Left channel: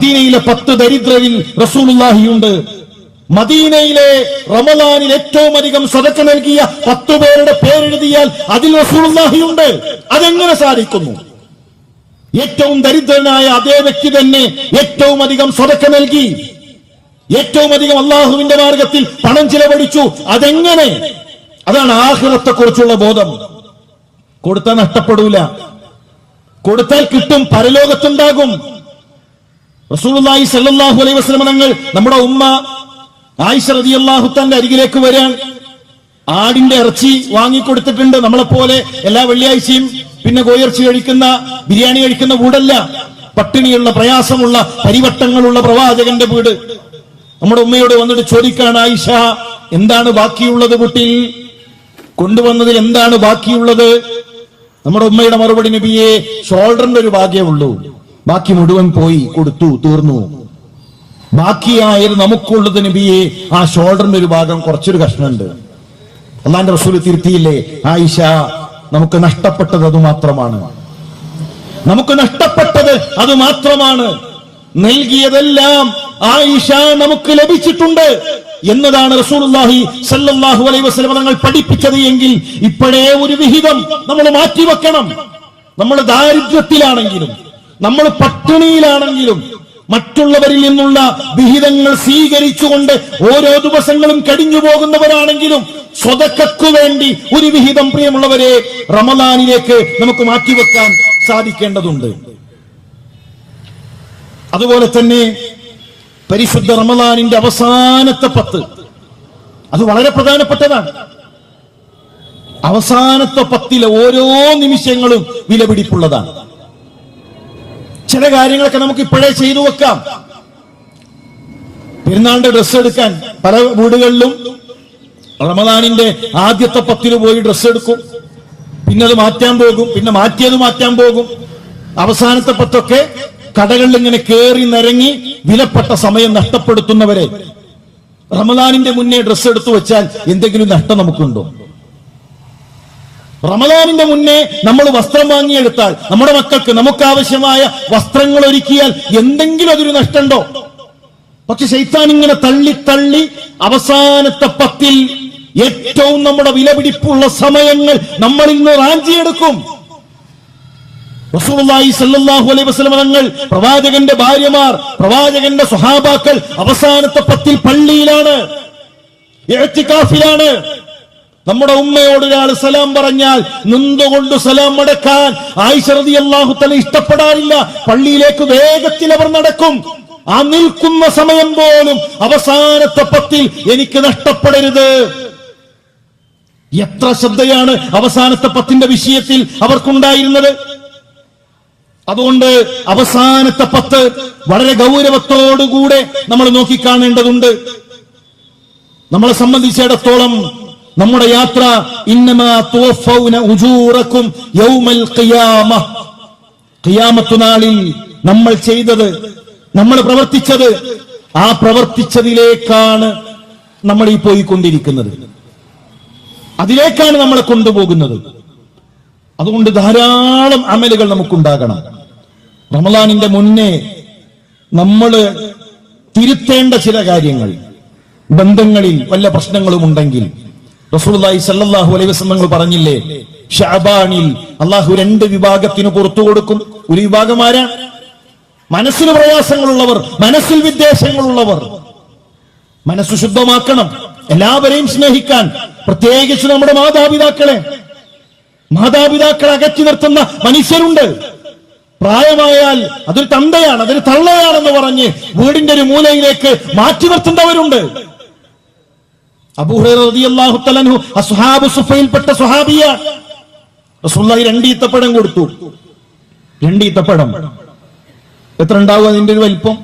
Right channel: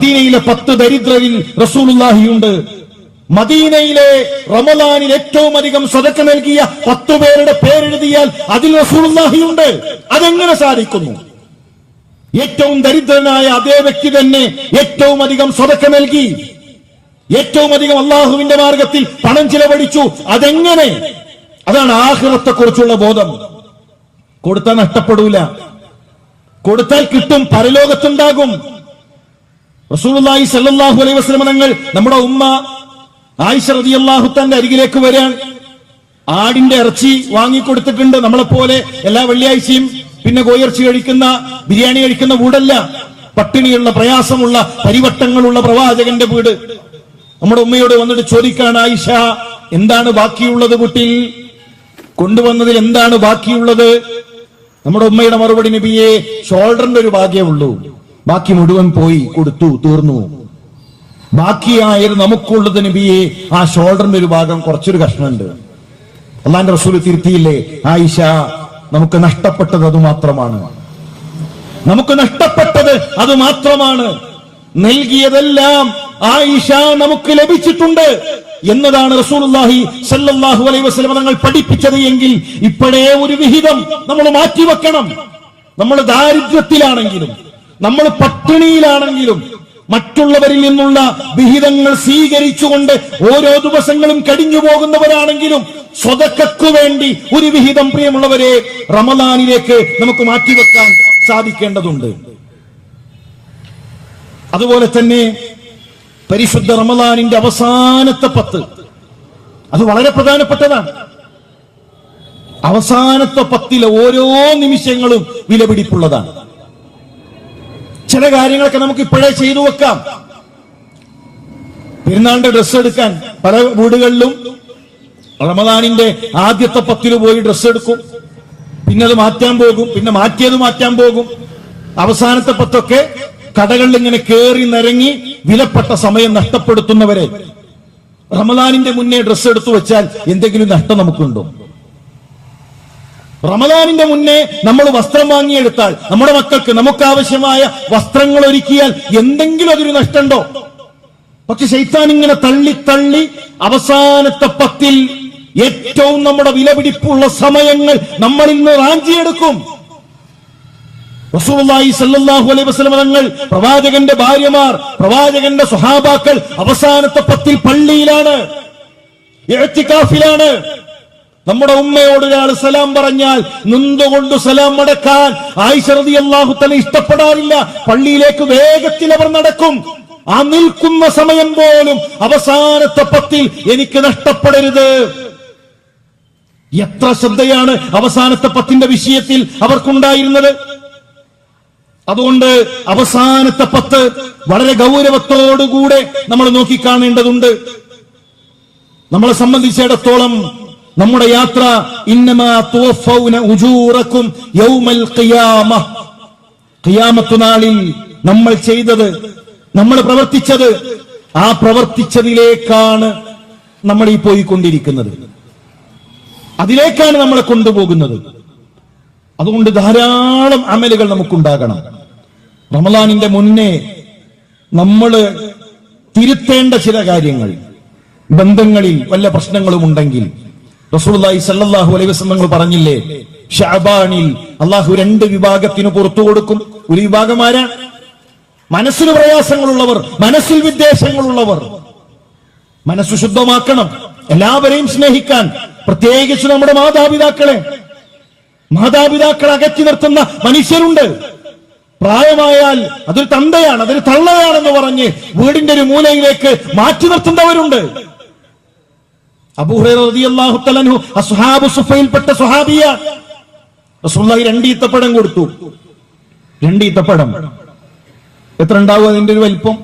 മദീനയിലെ 10 ദരിദ്രരിൽ റസൂലുള്ളാഹിയുണ്ട്. മദീനയിലെ റമളാനിൽ ഏറ്റവും അധികം സദഖ നൽകിയ 10 പേരുടെ പേരെഴുതിയാൽ അതിൽ റസൂലുള്ളാഹിയുണ്ട്. അതെങ്ങനെ സാധിക്കുന്നു? ഏറ്റവും ദരിദ്രനായ അതേ വ്യക്തി തന്നെ ഏറ്റവും അധികം സദഖ നൽകി, ഏറ്റവും അധികം അള്ളാഹുവിന്റെ മാർഗത്തിൽ പണം ചിലവഴിച്ചു. അതെങ്ങനെ? അതാണ് ആഖിറത്തെ കുറിച്ചുള്ള ബോധം. കൊടുത്താൽ നഷ്ടപ്പെടൂല, കൊടുത്താൽ കിട്ടും, പരലോകത്തുണ്ടാകും. റസൂലുള്ളാഹി സ്വല്ലല്ലാഹു അലൈഹി വസല്ലം തങ്ങൾ നമ്മുടെ ഉമ്മ ആയിഷ റളിയല്ലാഹു തആല അരികിലേക്ക് വരാൻ ആടിന്റെ ഇറച്ചി വാങ്ങിക്കൊടുത്തിട്ടുണ്ട്. നമ്മളെപ്പോലെ എല്ലാ വെള്ളിയാഴ്ചയും പിന്നെ കോയിറച്ചി കഴിക്കുന്ന, ബിരിയാണി കഴിക്കുന്ന വീടല്ല. പട്ടിണിയുള്ള, പ്രയാസമുള്ള, പരിവട്ടങ്ങളുള്ള പ്രവാചകന്റെ വീട്. നമ്മുടെ ഉമ്മയോട് വന്നിട്ട് ചോദിക്കാണ്, ആയിഷ എന്താണ് ബാക്കിയുള്ളത് വീട്ടിൽ? കൊണ്ടുവന്നതിൽ എന്താണ് ബാക്കിയുള്ളത്? നമ്മുടെ ഉമ്മയുടെ മറുപടി, നബിയെ ഷോൾഡറിന്റെ ഒരു ഭാഗ്യമേ ഉള്ളൂ, ബാക്കി മുഴുവൻ പോയി, കൊടുത്തു, തീർന്നു. ബാക്കിയായത് നമുക്കുള്ളത് നബിയെ ആ ഷോൾഡറിന്റെ ഒരു ഭാഗം, കുറച്ചൊരു കഷ്ണമുണ്ട്. അല്ലാഹുവിന്റെ റസൂൽ തിരുത്തിയില്ലേ, ആയിഷ നമുക്ക് നഷ്ടപ്പെട്ടത് അത് മാത്രമാണ്, നമുക്ക് നഷ്ടപ്പെട്ടത് അത് മാത്രമാണ്. നൽകിയതെല്ലാം ആയിഷ നമുക്ക് ലഭിച്ചിട്ടുണ്ട് എന്നതാണ് റസൂലുള്ളാഹി സ്വല്ലല്ലാഹു അലൈഹി വസല്ലം തങ്ങൾ പഠിപ്പിച്ചത്. എങ്കിൽ ഇപ്പോഴേ ഒരു വിഹിതം നമ്മൾ മാറ്റിവെക്കണം. നമ്മൾ ദാരിദ്ര്യത്തിലാണെങ്കിലും, നമ്മൾ പട്ടിണിയിലാണെങ്കിലും, മറ്റുള്ളവരിൽ നിന്നുള്ള വിഹിതങ്ങൾ സ്വീകരിച്ചുകൊണ്ട് ഓരോ ദിവസങ്ങളും കഴിഞ്ഞു പോകുന്നവരാണെങ്കിലും സ്വതക്കു വേണ്ടി ഒരു വിഹിതം, പ്രിയമുള്ളവരെ, റമളാനിലേക്ക് നമുക്ക് മാറ്റിവെക്കാൻ സാധിക്കേണ്ടതുണ്ട്. അതുപോലെ തന്നെ പരിശുദ്ധ റമളാനിന്റെ അവസാനത്തെ 10 അത് വളരെ പ്രധാനപ്പെട്ടതാണ്. അവസാനത്തെ 10 ഓരോ നിമിഷങ്ങളും വിലപിടിപ്പുള്ളതാണ്. ചില കാര്യങ്ങളൊക്കെ നമുക്ക് ഇപ്പോഴേ ചെയ്തു വെക്കാം. പെരുന്നാളിന്റെ ഡ്രസ്സ് എടുക്കാൻ പല വീടുകളിലും റമളാനിന്റെ ആദ്യത്തെ 10 പോയി ഡ്രസ്സ് എടുക്കും, പിന്നെ അത് മാറ്റാൻ പോകും, പിന്നെ മാറ്റിയത് മാറ്റാൻ പോകും. അവസാനത്തെ 10 കടകളിൽ ഇങ്ങനെ കേറി നിരങ്ങി വിലപ്പെട്ട സമയം നഷ്ടപ്പെടുത്തുന്നവരെ റമളാനിന്റെ മുന്നേ ഡ്രസ്സ് എടുത്തു വെച്ചാൽ എന്തെങ്കിലും നഷ്ടം നമുക്കുണ്ടോ? റമളാനിന്റെ മുന്നേ നമ്മൾ വസ്ത്രം വാങ്ങിയെടുത്താൽ, നമ്മുടെ മക്കൾക്ക് നമുക്കാവശ്യമായ വസ്ത്രങ്ങൾ ഒരുക്കിയാൽ എന്തെങ്കിലും അതൊരു നഷ്ടമുണ്ടോ? പക്ഷെ ശൈത്താൻ ഇങ്ങനെ തള്ളി തള്ളി അവസാനത്തെ 10 ഏറ്റവും നമ്മുടെ വിലപിടിപ്പുള്ള സമയങ്ങൾ നമ്മളിൽ നിന്ന് റാഞ്ചിയെടുക്കും. റസൂലുള്ളാഹി സ്വല്ലല്ലാഹു അലൈഹി വസല്ലം തങ്ങൾ, പ്രവാചകന്റെ ഭാര്യമാർ, പ്രവാചകന്റെ സ്വഹാബാക്കൾ അവസാനത്തെ 10 പള്ളിയിലാണ്, ഇഅ്തികാഫിലാണ്. നമ്മുടെ ഉമ്മയോട് ഒരാൾ സലാം പറഞ്ഞാൽ നിന്നുകൊണ്ട് സലാം മടക്കാൻ ആയിഷ റളിയല്ലാഹു തആല ഇഷ്ടപ്പെടാറില്ല. പള്ളിയിലേക്ക് വേഗത്തിൽ അവർ നടക്കും. ആ നിൽക്കുന്ന സമയം പോലും അവസാനത്തെ 10 എനിക്ക് നഷ്ടപ്പെടരുത്. എത്ര ശ്രദ്ധയാണ് അവസാനത്തെ 10 വിഷയത്തിൽ അവർക്കുണ്ടായിരുന്നത്. അതുകൊണ്ട് അവസാനത്തെ 10 വളരെ ഗൗരവത്തോടുകൂടെ നമ്മൾ നോക്കിക്കാണേണ്ടതുണ്ട്. നമ്മളെ സംബന്ധിച്ചിടത്തോളം നമ്മുടെ യാത്ര ഇന്നമാ തുവഫൗന ഉജൂറക്കും യൗമൽ ഖിയാമ, ഖിയാമത്ത് നാളിൽ നമ്മൾ ചെയ്തത്, നമ്മൾ പ്രവർത്തിച്ചത്, ആ പ്രവർത്തിച്ചതിലേക്കാണ് നമ്മൾ ഈ പോയിക്കൊണ്ടിരിക്കുന്നത്, അതിലേക്കാണ് നമ്മളെ കൊണ്ടുപോകുന്നത്. അതുകൊണ്ട് ധാരാളം അമലുകൾ നമുക്കുണ്ടാകണം. റമളാനിന്റെ മുന്നേ നമ്മൾ തിരുത്തേണ്ട ചില കാര്യങ്ങൾ, ബന്ധങ്ങളിൽ വല്ല പ്രശ്നങ്ങളും ഉണ്ടെങ്കിൽ റസൂലുള്ളാഹി സ്വല്ലല്ലാഹു അലൈഹി വസല്ലം പറഞ്ഞില്ലേ, ശഅബാനിൽ അല്ലാഹു 2 വിഭാഗത്തിന് പുറത്തു കൊടുക്കും. ഒരു വിഭാഗം ആരാ? മനസ്സിന് പ്രയാസങ്ങളുള്ളവർ, മനസ്സിൽ വിദ്വേഷങ്ങളുള്ളവർ. മനസ്സ് ശുദ്ധമാക്കണം, എല്ലാവരെയും സ്നേഹിക്കാൻ, പ്രത്യേകിച്ച് നമ്മുടെ മാതാപിതാക്കളെ അകറ്റി നിർത്തുന്ന മനുഷ്യരുണ്ട്. പ്രായമായാൽ അതൊരു തന്തയാണ്, അതൊരു തള്ളയാണെന്ന് പറഞ്ഞ് വീടിന്റെ ഒരു മൂലയിലേക്ക് മാറ്റി നിർത്തുന്നവരുണ്ട്. അബൂ ഹുറൈറ റളിയല്ലാഹു തആല അൻഹു അസ്ഹാബു സുഫയിൽപ്പെട്ട സ്വഹാബിയ. റസൂലുള്ളാഹി 2 ഈത്തപ്പഴം കൊടുത്തു. 2 ഈത്തപ്പഴം എത്ര ഉണ്ടാവും? അതിന്റെ ഒരു വലിപ്പം.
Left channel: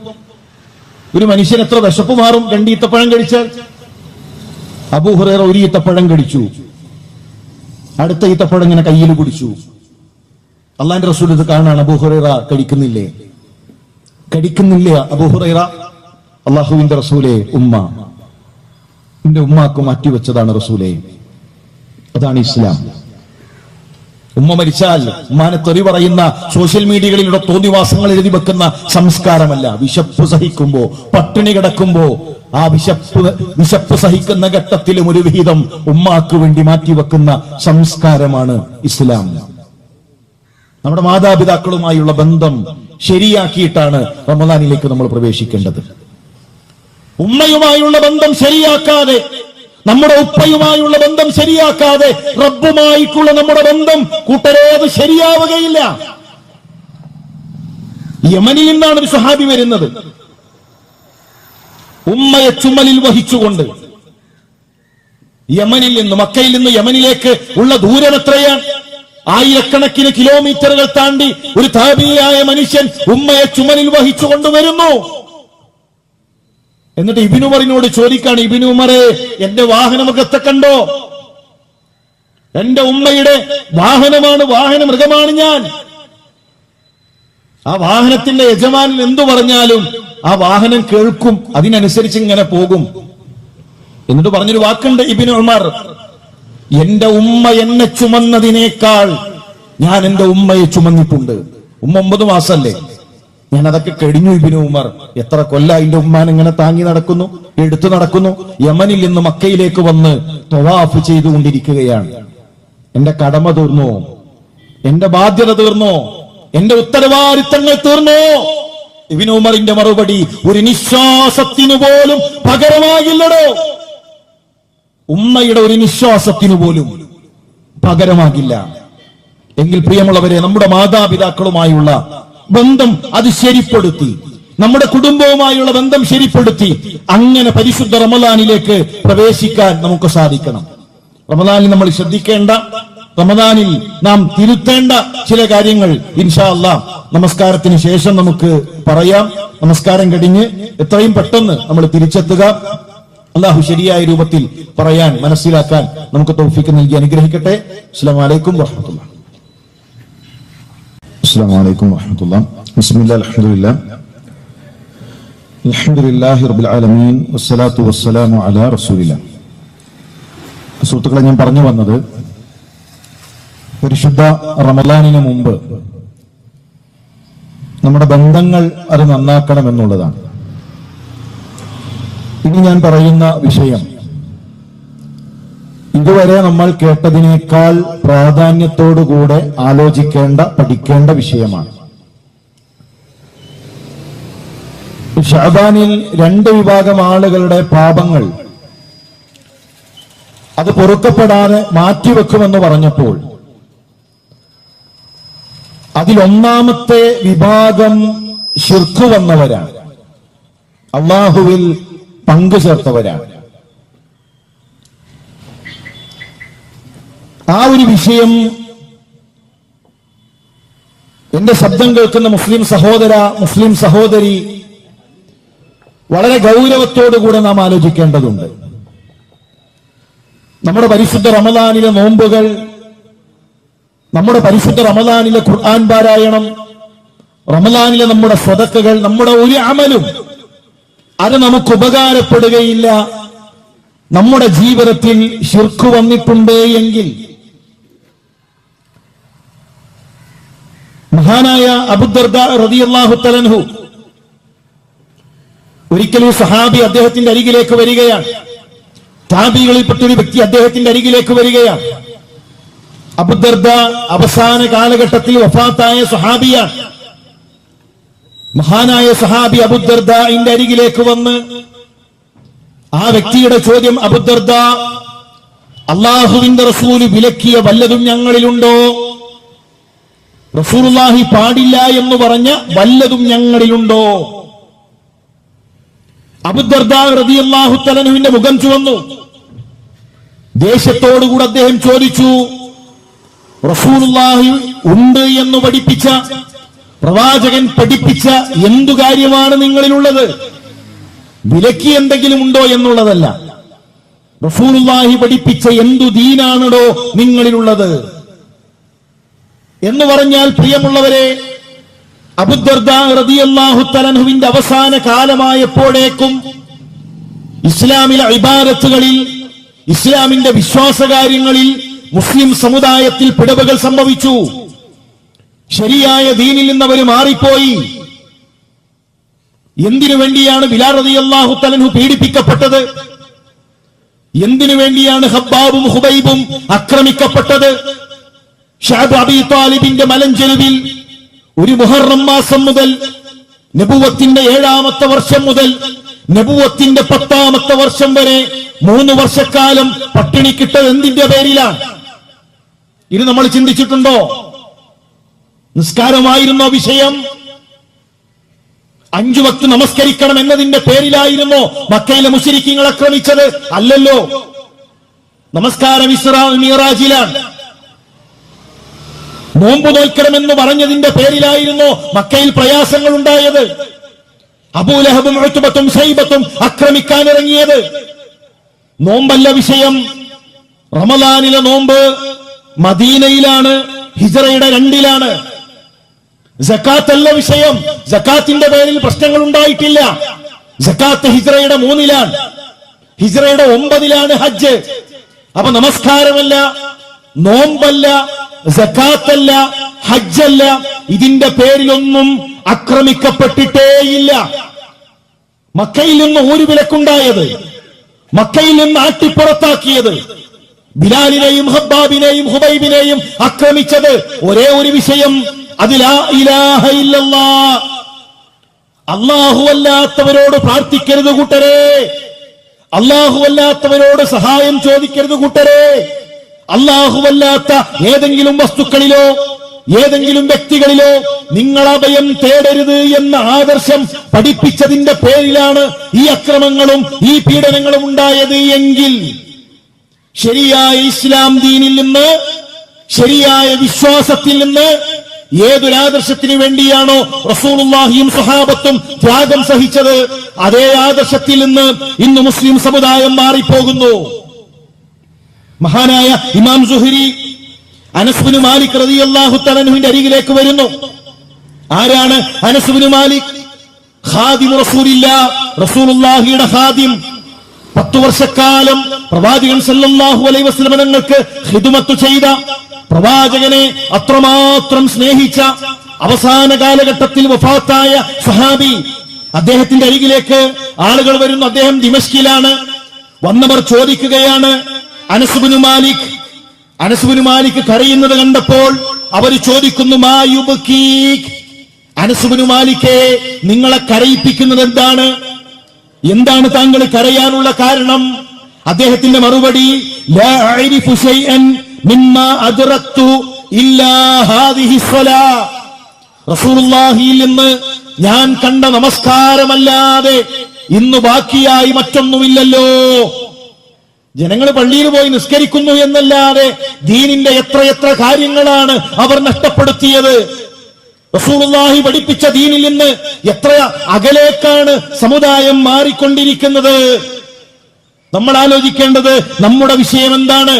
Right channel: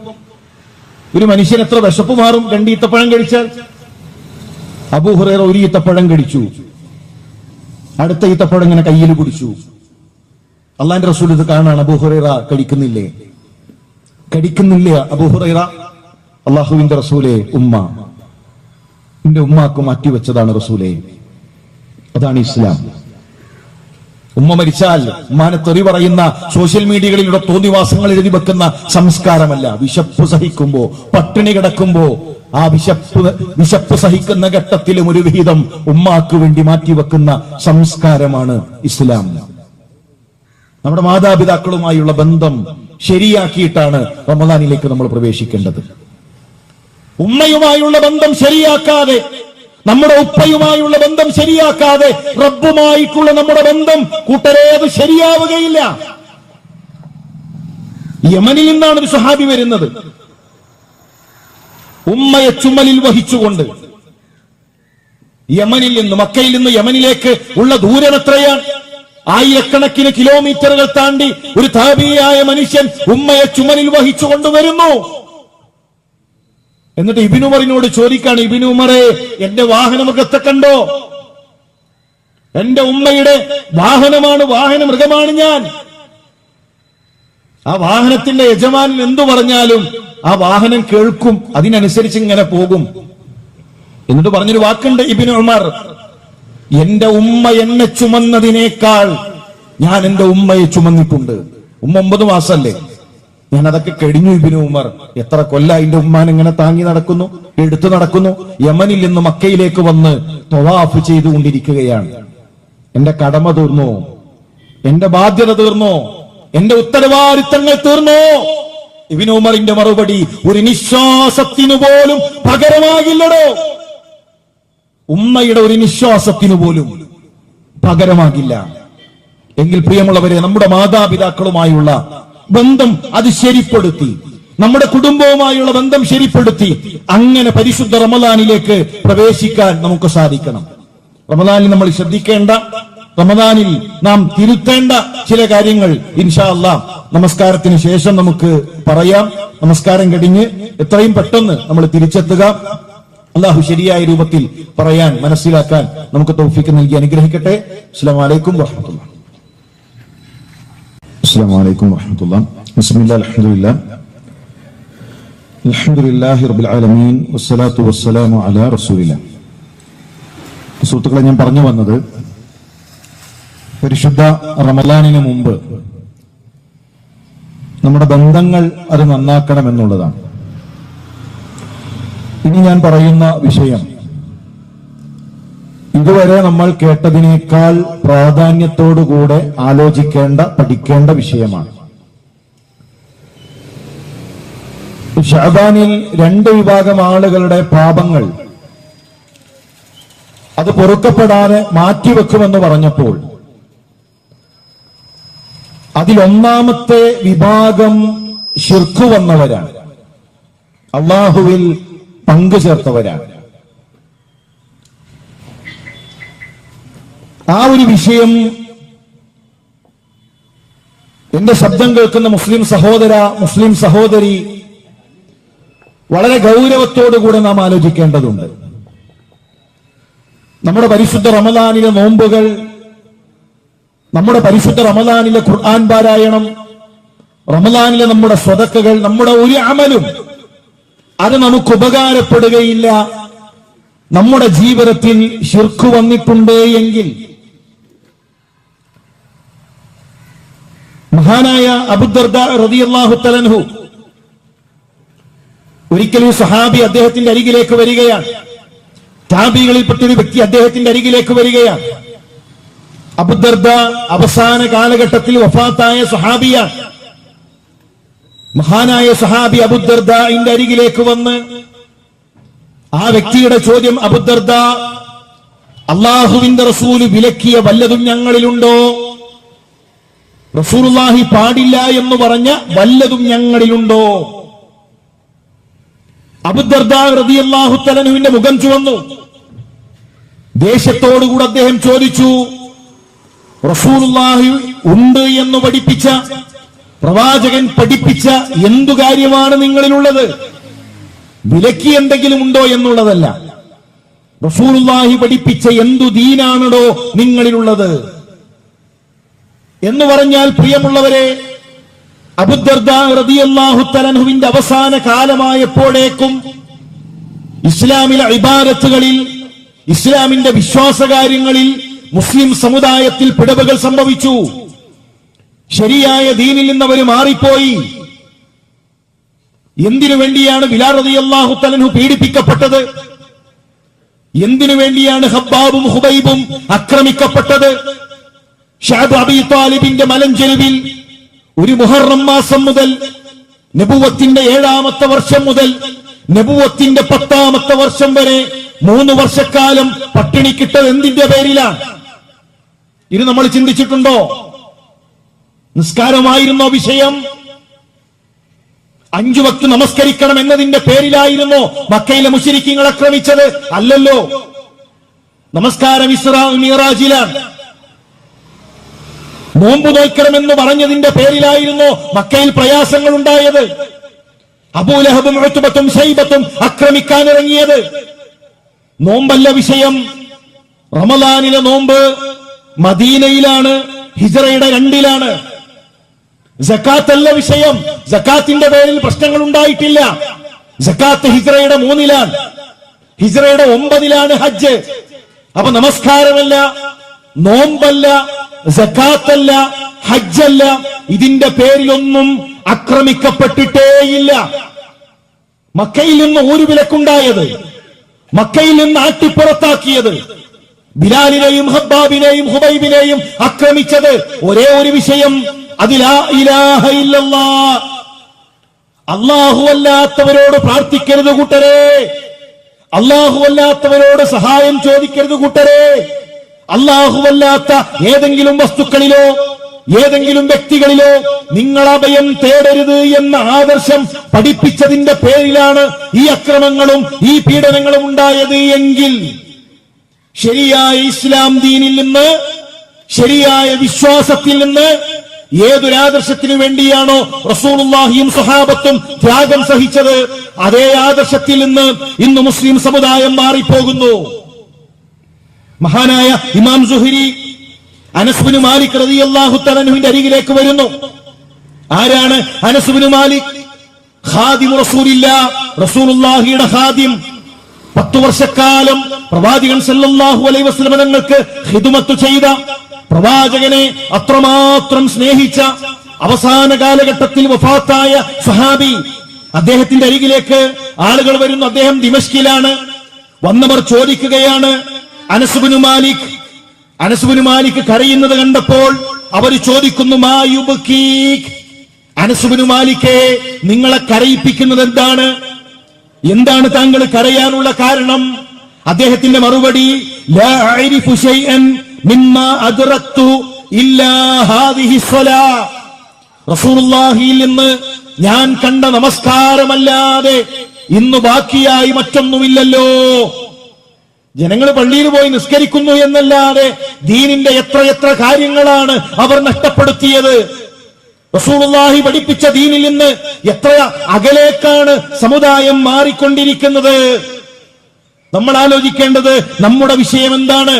ഒരു മനുഷ്യൻ എത്ര വിശപ്പ് മാറും 2 ഈത്തപ്പഴം കഴിച്ചാൽ? അബൂ ഹുറൈറ 1 ഈത്തപ്പഴം കഴിച്ചു. അടുത്ത ഈത്തപ്പഴം ഇങ്ങനെ കയ്യിൽ പിടിച്ചു. അള്ളാന്റെ റസൂൽ ഇത് കാണാൻ, അബൂ ഹുറൈറ കഴിക്കുന്നില്ലേ? അബൂ ഹുറൈറ, അള്ളാഹുവിന്റെ റസൂലേ, എന്റെ ഉമ്മാക്ക് മാറ്റിവെച്ചതാണ് റസൂലേ. അതാണ് ഇസ്ലാം. ഉമ്മ മരിച്ചാൽ ഉമ്മാനെ തെറി പറയുന്ന സോഷ്യൽ മീഡിയകളിലൂടെ തോന്നിവാസങ്ങൾ എഴുതി വെക്കുന്ന സംസ്കാരമല്ല. വിശപ്പ് സഹിക്കുമ്പോ, പട്ടിണി കിടക്കുമ്പോ, ആ വിശപ്പ് സഹിക്കുന്ന ഘട്ടത്തിലും ഒരു വിഹിതം ഉമ്മാക്ക് വേണ്ടി മാറ്റിവെക്കുന്ന സംസ്കാരമാണ് ഇസ്ലാം. നമ്മുടെ മാതാപിതാക്കളുമായുള്ള ബന്ധം ശരിയാക്കിയിട്ടാണ് റമദാനിലേക്ക് നമ്മൾ പ്രവേശിക്കേണ്ടത്. ഉമ്മയുമായുള്ള ബന്ധം ശരിയാക്കാതെ, നമ്മുടെ ഉപ്പയുമായുള്ള ബന്ധം ശരിയാക്കാതെ റബ്ബുമായിട്ടുള്ള നമ്മുടെ ബന്ധം കൂട്ടരേ അത് ശരിയാവുകയില്ല. യമനിൽ നിന്നാണ് ഒരു സഹാബി വരുന്നത്. ഉമ്മയെ ചുമലിൽ വഹിച്ചുകൊണ്ട് യമനിൽ നിന്ന്, മക്കയിൽ നിന്ന് യമനിലേക്ക് ഉള്ള ദൂരം എത്രയാണ്? ആയിരക്കണക്കിന് കിലോമീറ്ററുകൾ താണ്ടി ഒരു താബിയായ മനുഷ്യൻ ഉമ്മയെ ചുമലിൽ വഹിച്ചുകൊണ്ട് വരുന്നു. എന്നിട്ട് ഇബ്നു ഉമറിനോട് ചോദിക്കാണ്, ഇബ്നു ഉമറേ, എന്റെ വാഹനമൊക്കെ കണ്ടോ? എന്റെ ഉമ്മയുടെ വാഹനമാണ്, വാഹന മൃഗമാണ് ഞാൻ. ആ വാഹനത്തിന്റെ യജമാനൻ എന്തു പറഞ്ഞാലും ആ വാഹനം കേൾക്കും, അതിനനുസരിച്ച് ഇങ്ങനെ പോകും. എന്നിട്ട് പറഞ്ഞൊരു വാക്കുണ്ട് ഇബ്നു ഉമർ, എന്റെ ഉമ്മ എന്നെ ചുമന്നതിനേക്കാൾ ഞാൻ എന്റെ ഉമ്മയെ ചുമന്നിട്ടുണ്ട്. ഉമ്മ 9 മാസമല്ലേ, ഞാൻ അതൊക്കെ കഴിഞ്ഞു. ഇബ്നു ഉമർ എത്ര കൊല്ലം എന്റെ ഉമ്മാൻ ഇങ്ങനെ താങ്ങി നടക്കുന്നു, എടുത്തു നടക്കുന്നു. യമനിൽ നിന്ന് മക്കയിലേക്ക് വന്ന് തവാഫ് ചെയ്തുകൊണ്ടിരിക്കുകയാണ്. എന്റെ കടമ തീർന്നോ? എന്റെ ബാധ്യത തീർന്നോ? എന്റെ ഉത്തരവാദിത്തങ്ങൾ തീർന്നോ? ഇബ്നു ഉമറിന്റെ മറുപടി, ഒരു നിശ്വാസത്തിനു പോലും പകരമാകില്ലടോ. ഉമ്മയുടെ ഒരു നിശ്വാസത്തിനു പോലും പകരമാകില്ല. എങ്കിൽ പ്രിയമുള്ളവരെ, നമ്മുടെ മാതാപിതാക്കളുമായുള്ള ബന്ധം അത് ശരിപ്പെടുത്തി, നമ്മുടെ കുടുംബവുമായുള്ള ബന്ധം ശരിപ്പെടുത്തി, അങ്ങനെ പരിശുദ്ധ റമദാനിലേക്ക് പ്രവേശിക്കാൻ നമുക്ക് സാധിക്കണം. റമദാനിൽ നമ്മൾ ശ്രദ്ധിക്കേണ്ട, റമദാനിൽ നാം തിരുത്തേണ്ട ചില കാര്യങ്ങൾ ഇൻഷാ അല്ലാഹ് നമസ്കാരത്തിന് ശേഷം നമുക്ക് പറയാം. നമസ്കാരം കഴിഞ്ഞ് എത്രയും പെട്ടെന്ന് നമ്മൾ തിരിച്ചെത്തുക. അല്ലാഹു ശരിയായ രൂപത്തിൽ പറയാൻ, മനസ്സിലാക്കാൻ നമുക്ക് തൗഫീഖ് നൽകി അനുഗ്രഹിക്കട്ടെ. അസ്സലാമു അലൈക്കും വറഹ്മത്തുള്ളാഹി. السلام عليكم ورحمة الله. بسم الله الحمد لله رب العالمين والصلاة والسلام على رسول الله. സുഹൃത്തുക്കളെ, ഞാൻ പറഞ്ഞു വന്നത് പരിശുദ്ധ റമളാനിന് മുമ്പ് നമ്മുടെ ബന്ധങ്ങൾ അത് നന്നാക്കണമെന്നുള്ളതാണ്. ഇനി ഞാൻ പറയുന്ന വിഷയം ഇതുവരെ നമ്മൾ കേട്ടതിനേക്കാൾ പ്രാധാന്യത്തോടുകൂടെ ആലോചിക്കേണ്ട, പഠിക്കേണ്ട വിഷയമാണ്. ഷഅബാനിൽ 2 വിഭാഗം ആളുകളുടെ പാപങ്ങൾ അത് പൊറുക്കപ്പെടാതെ മാറ്റിവെക്കുമെന്ന് പറഞ്ഞപ്പോൾ അതിലൊന്നാമത്തെ വിഭാഗം ശിർക്ക് വന്നവരാണ്, അല്ലാഹുവിൽ പങ്കു ചേർത്തവരാണ്. ആ ഒരു വിഷയം എന്റെ ശബ്ദം കേൾക്കുന്ന മുസ്ലിം സഹോദര, മുസ്ലിം സഹോദരി, വളരെ ഗൗരവത്തോടുകൂടെ നാം ആലോചിക്കേണ്ടതുണ്ട്. നമ്മുടെ പരിശുദ്ധ റമദാനിലെ നോമ്പുകൾ, നമ്മുടെ പരിശുദ്ധ റമദാനിലെ ഖുർആൻ പാരായണം, റമദാനിലെ നമ്മുടെ സ്വതക്കകൾ, നമ്മുടെ ഒരു അമലും അത് നമുക്ക് ഉപകാരപ്പെടുകയില്ല. നമ്മുടെ ജീവിതത്തിൽ ശിർക്ക് വന്നിട്ടുണ്ട് എങ്കിൽ, മഹാനായ അബൂദർദാ റളിയല്ലാഹു തആല അൻഹു ഒരിക്കലും സഹാബി അദ്ദേഹത്തിന്റെ അരികിലേക്ക് വരികയാണ്. താബികളിൽപ്പെട്ടൊരു വ്യക്തി അദ്ദേഹത്തിന്റെ അരികിലേക്ക് വരികയാണ്. അബൂദർദാ അവസാന കാലഘട്ടത്തിൽ വഫാത്തായ സഹാബിയാണ്. മഹാനായ സഹാബി അബൂദർദാന്റെ അരികിലേക്ക് വന്ന് ആ വ്യക്തിയുടെ ചോദ്യം, അബൂദർദാ, അല്ലാഹുവിന്റെ റസൂല് വിലക്കിയ വല്ലതും ഞങ്ങളിലുണ്ടോ? റസൂലുള്ളാഹി പാടില്ല എന്ന് പറഞ്ഞ വല്ലതും ഞങ്ങളിലുണ്ടോ? അബൂദർദാ റളിയല്ലാഹു തആല അൻഹുവിന്റെ മുഖം ചുവന്നു. ദേഷ്യത്തോടുകൂടെ അദ്ദേഹം ചോദിച്ചു, റസൂലുള്ളാഹി ഉണ്ട് എന്ന് പഠിപ്പിച്ച, പ്രവാചകൻ പഠിപ്പിച്ച എന്തു കാര്യമാണ് നിങ്ങളിലുള്ളത്? വിലക്കി എന്തെങ്കിലും ഉണ്ടോ എന്നുള്ളതല്ല, റസൂലുള്ളാഹി പഠിപ്പിച്ച എന്തു ദീനാണോ നിങ്ങളിലുള്ളത് എന്ന് പറഞ്ഞാൽ, പ്രിയമുള്ളവരെ, അബൂദർദാ റളിയല്ലാഹു തആല അൻഹുവിന്റെ അവസാന കാലമായപ്പോഴേക്കും ഇസ്ലാമിലെ ഇബാദത്തുകളിൽ, ഇസ്ലാമിന്റെ വിശ്വാസകാര്യങ്ങളിൽ, മുസ്ലിം സമുദായത്തിൽ പിടവുകൾ സംഭവിച്ചു. ശരിയായ ദീനിൽ നിന്ന് അവർ മാറിപ്പോയി. എന്തിനു വേണ്ടിയാണ് ബിലാൽ റളിയല്ലാഹു തആല അൻഹു പീഡിപ്പിക്കപ്പെട്ടത്? എന്തിനു വേണ്ടിയാണ് ഹബ്ബാബും ഹുബൈബും ആക്രമിക്കപ്പെട്ടത്? ഷഅബ് അബീ താലിബിന്റെ മലഞ്ചെരുവിൽ ഒരു മുഹറം മാസം മുതൽ നബുവത്തിന്റെ 7ാമത്തെ വർഷം മുതൽ നബുവത്തിന്റെ 10ാമത്തെ വർഷം വരെ 3 വർഷക്കാലം പട്ടിണിക്കിട്ടത് എന്തിന്റെ പേരിലാണ്? ഇത് നമ്മൾ ചിന്തിച്ചിട്ടുണ്ടോ? നിസ്കാരമായിരുന്ന വിഷയം? 5 വക്ത് നമസ്കരിക്കണം എന്നതിന്റെ പേരിലായിരുന്നോ മക്കയിലെ മുശ്രിക്കീങ്ങൾ ആക്രമിച്ചത്? അല്ലല്ലോ. നമസ്കാരം ഇസ്രാ മിഅ്റാജിലാണ്. നോമ്പ് നോൽക്കണമെന്ന് പറഞ്ഞതിന്റെ പേരിലായിരുന്നോ മക്കയിൽ പ്രയാസങ്ങൾ ഉണ്ടായത്? അബൂലഹബും ഉത്ബത്തും ശൈബത്തും ആക്രമിക്കാനിറങ്ങിയത്? നോമ്പല്ല വിഷയം. റമളാനിലെ നോമ്പ് മദീനയിലാണ്, ഹിജ്റയുടെ 2ലാണ്. സക്കാത്തല്ല വിഷയം. സക്കാത്തിന്റെ പേരിൽ പ്രശ്നങ്ങൾ ഉണ്ടായിട്ടില്ല. സക്കാത്ത് ഹിജ്റയുടെ 3ലാണ്, ഹിജ്റയുടെ 9ലാണ് ഹജ്ജ്. അപ്പൊ നമസ്കാരമല്ല, നോമ്പല്ല, സക്കാത്തല്ല, ഹജ്ജല്ല, ഇതിന്റെ പേരിലൊന്നും ആക്രമിക്കപ്പെട്ടിട്ടേയില്ല. മക്കയിൽ നിന്ന് ഒരു വിലക്കുണ്ടായത്, മക്കയിൽ നിന്ന് ആട്ടിപ്പുറത്താക്കിയത്, ബിലാലിനെയും ഹബ്ബാബിനെയും ഹുബൈബിനെയും ആക്രമിച്ചത് ഒരേ ഒരു വിഷയം, അത് ലാ ഇലാഹ ഇല്ലല്ലാഹ്. അല്ലാഹു അല്ലാത്തവരോട് പ്രാർത്ഥിക്കരുത് കൂട്ടരെ, അല്ലാഹു അല്ലാത്തവരോട് സഹായം ചോദിക്കരുത് കൂട്ടരെ. അല്ലാഹുവല്ലാത്ത ഏതെങ്കിലും വസ്തുക്കളിലോ ഏതെങ്കിലും വ്യക്തികളിലോ നിങ്ങൾ അഭയം തേടരുത് എന്ന ആദർശം പഠിപ്പിച്ചതിന്റെ പേരിലാണ് ഈ അക്രമങ്ങളും ഈ പീഡനങ്ങളും ഉണ്ടായത് എങ്കിൽ ശരിയായ ഇസ്ലാം ദീനിൽ നിന്ന്, ശരിയായ വിശ്വാസത്തിൽ നിന്ന് ഏതൊരാദർശത്തിനു വേണ്ടിയാണോ റസൂലുള്ളാഹിയും സ്വഹാബത്തും ത്യാഗം സഹിച്ചത്, അതേ ആദർശത്തിൽ നിന്ന് ഇന്ന് മുസ്ലിം സമുദായം മാറിപ്പോകുന്നു. മഹാനായ ഇമാം സുഹരി അനസ് ബിൻ മാലിക് റളിയല്ലാഹു തആല അൻഹുവിന്റെ അരികിലേക്ക് വരുന്നു. ആരാണ് അനസ് ബിൻ മാലിക്? ഖാദിം റസൂലില്ലാഹ്, റസൂലുള്ളാഹിയുടെ ഖാദിം. 10 വർഷക്കാലം പ്രവാചകൻ സല്ലല്ലാഹു അലൈഹി വസല്ലം തങ്ങൾക്ക് ഖിദ്മത്ത് ചെയ്ത, പ്രവാചകനെ അത്രമാത്രം സ്നേഹിച്ച, അവസാന കാലഘട്ടത്തിൽ വഫാത്തായ സഹാബി. അദ്ദേഹത്തിന്റെ അരികിലേക്ക് ആളുകൾ വരുന്നു. അദ്ദേഹം ദിമശ്കിലാണ്. വന്നവർ ചോദിക്കുകയാണ്, അനസ് ബിൻ മാലിക്, അനസ് ബിൻ മാലിക് കരയുന്നത് കണ്ടപ്പോൾ അവർ ചോദിക്കുന്നു, മാ യുബ്കീക്, അനസ് ബിൻ മാലിക്കേ, നിങ്ങളെ കരയിപ്പിക്കുന്നത് എന്താണ്? എന്താണ് താങ്കൾ കരയാനുള്ള കാരണം? അദ്ദേഹത്തിന്റെ മറുപടി, ലാ അഅരിഫു ശൈഅൻ മിമ്മാ അദ്റക്തു ഇല്ലാ ഹാദിഹി സ്വലാ. റസൂലുള്ളാഹിയിൽ നിന്ന് ഞാൻ കണ്ട നമസ്കാരമല്ലാതെ ഇന്ന് ബാക്കിയായി മറ്റൊന്നുമില്ലല്ലോ. ജനങ്ങൾ പള്ളിയിൽ പോയി നിസ്കരിക്കുന്നു എന്നല്ലാതെ ദീനിന്റെ എത്രയെത്ര കാര്യങ്ങളാണ് അവർ നഷ്ടപ്പെടുത്തിയത്. റസൂലുള്ളാഹി പഠിപ്പിച്ച ദീനിൽ നിന്ന് എത്ര അകലേക്കാണ് സമുദായം മാറിക്കൊണ്ടിരിക്കുന്നത്. നമ്മൾ ആലോചിക്കേണ്ടത് നമ്മുടെ വിഷയം എന്താണ്?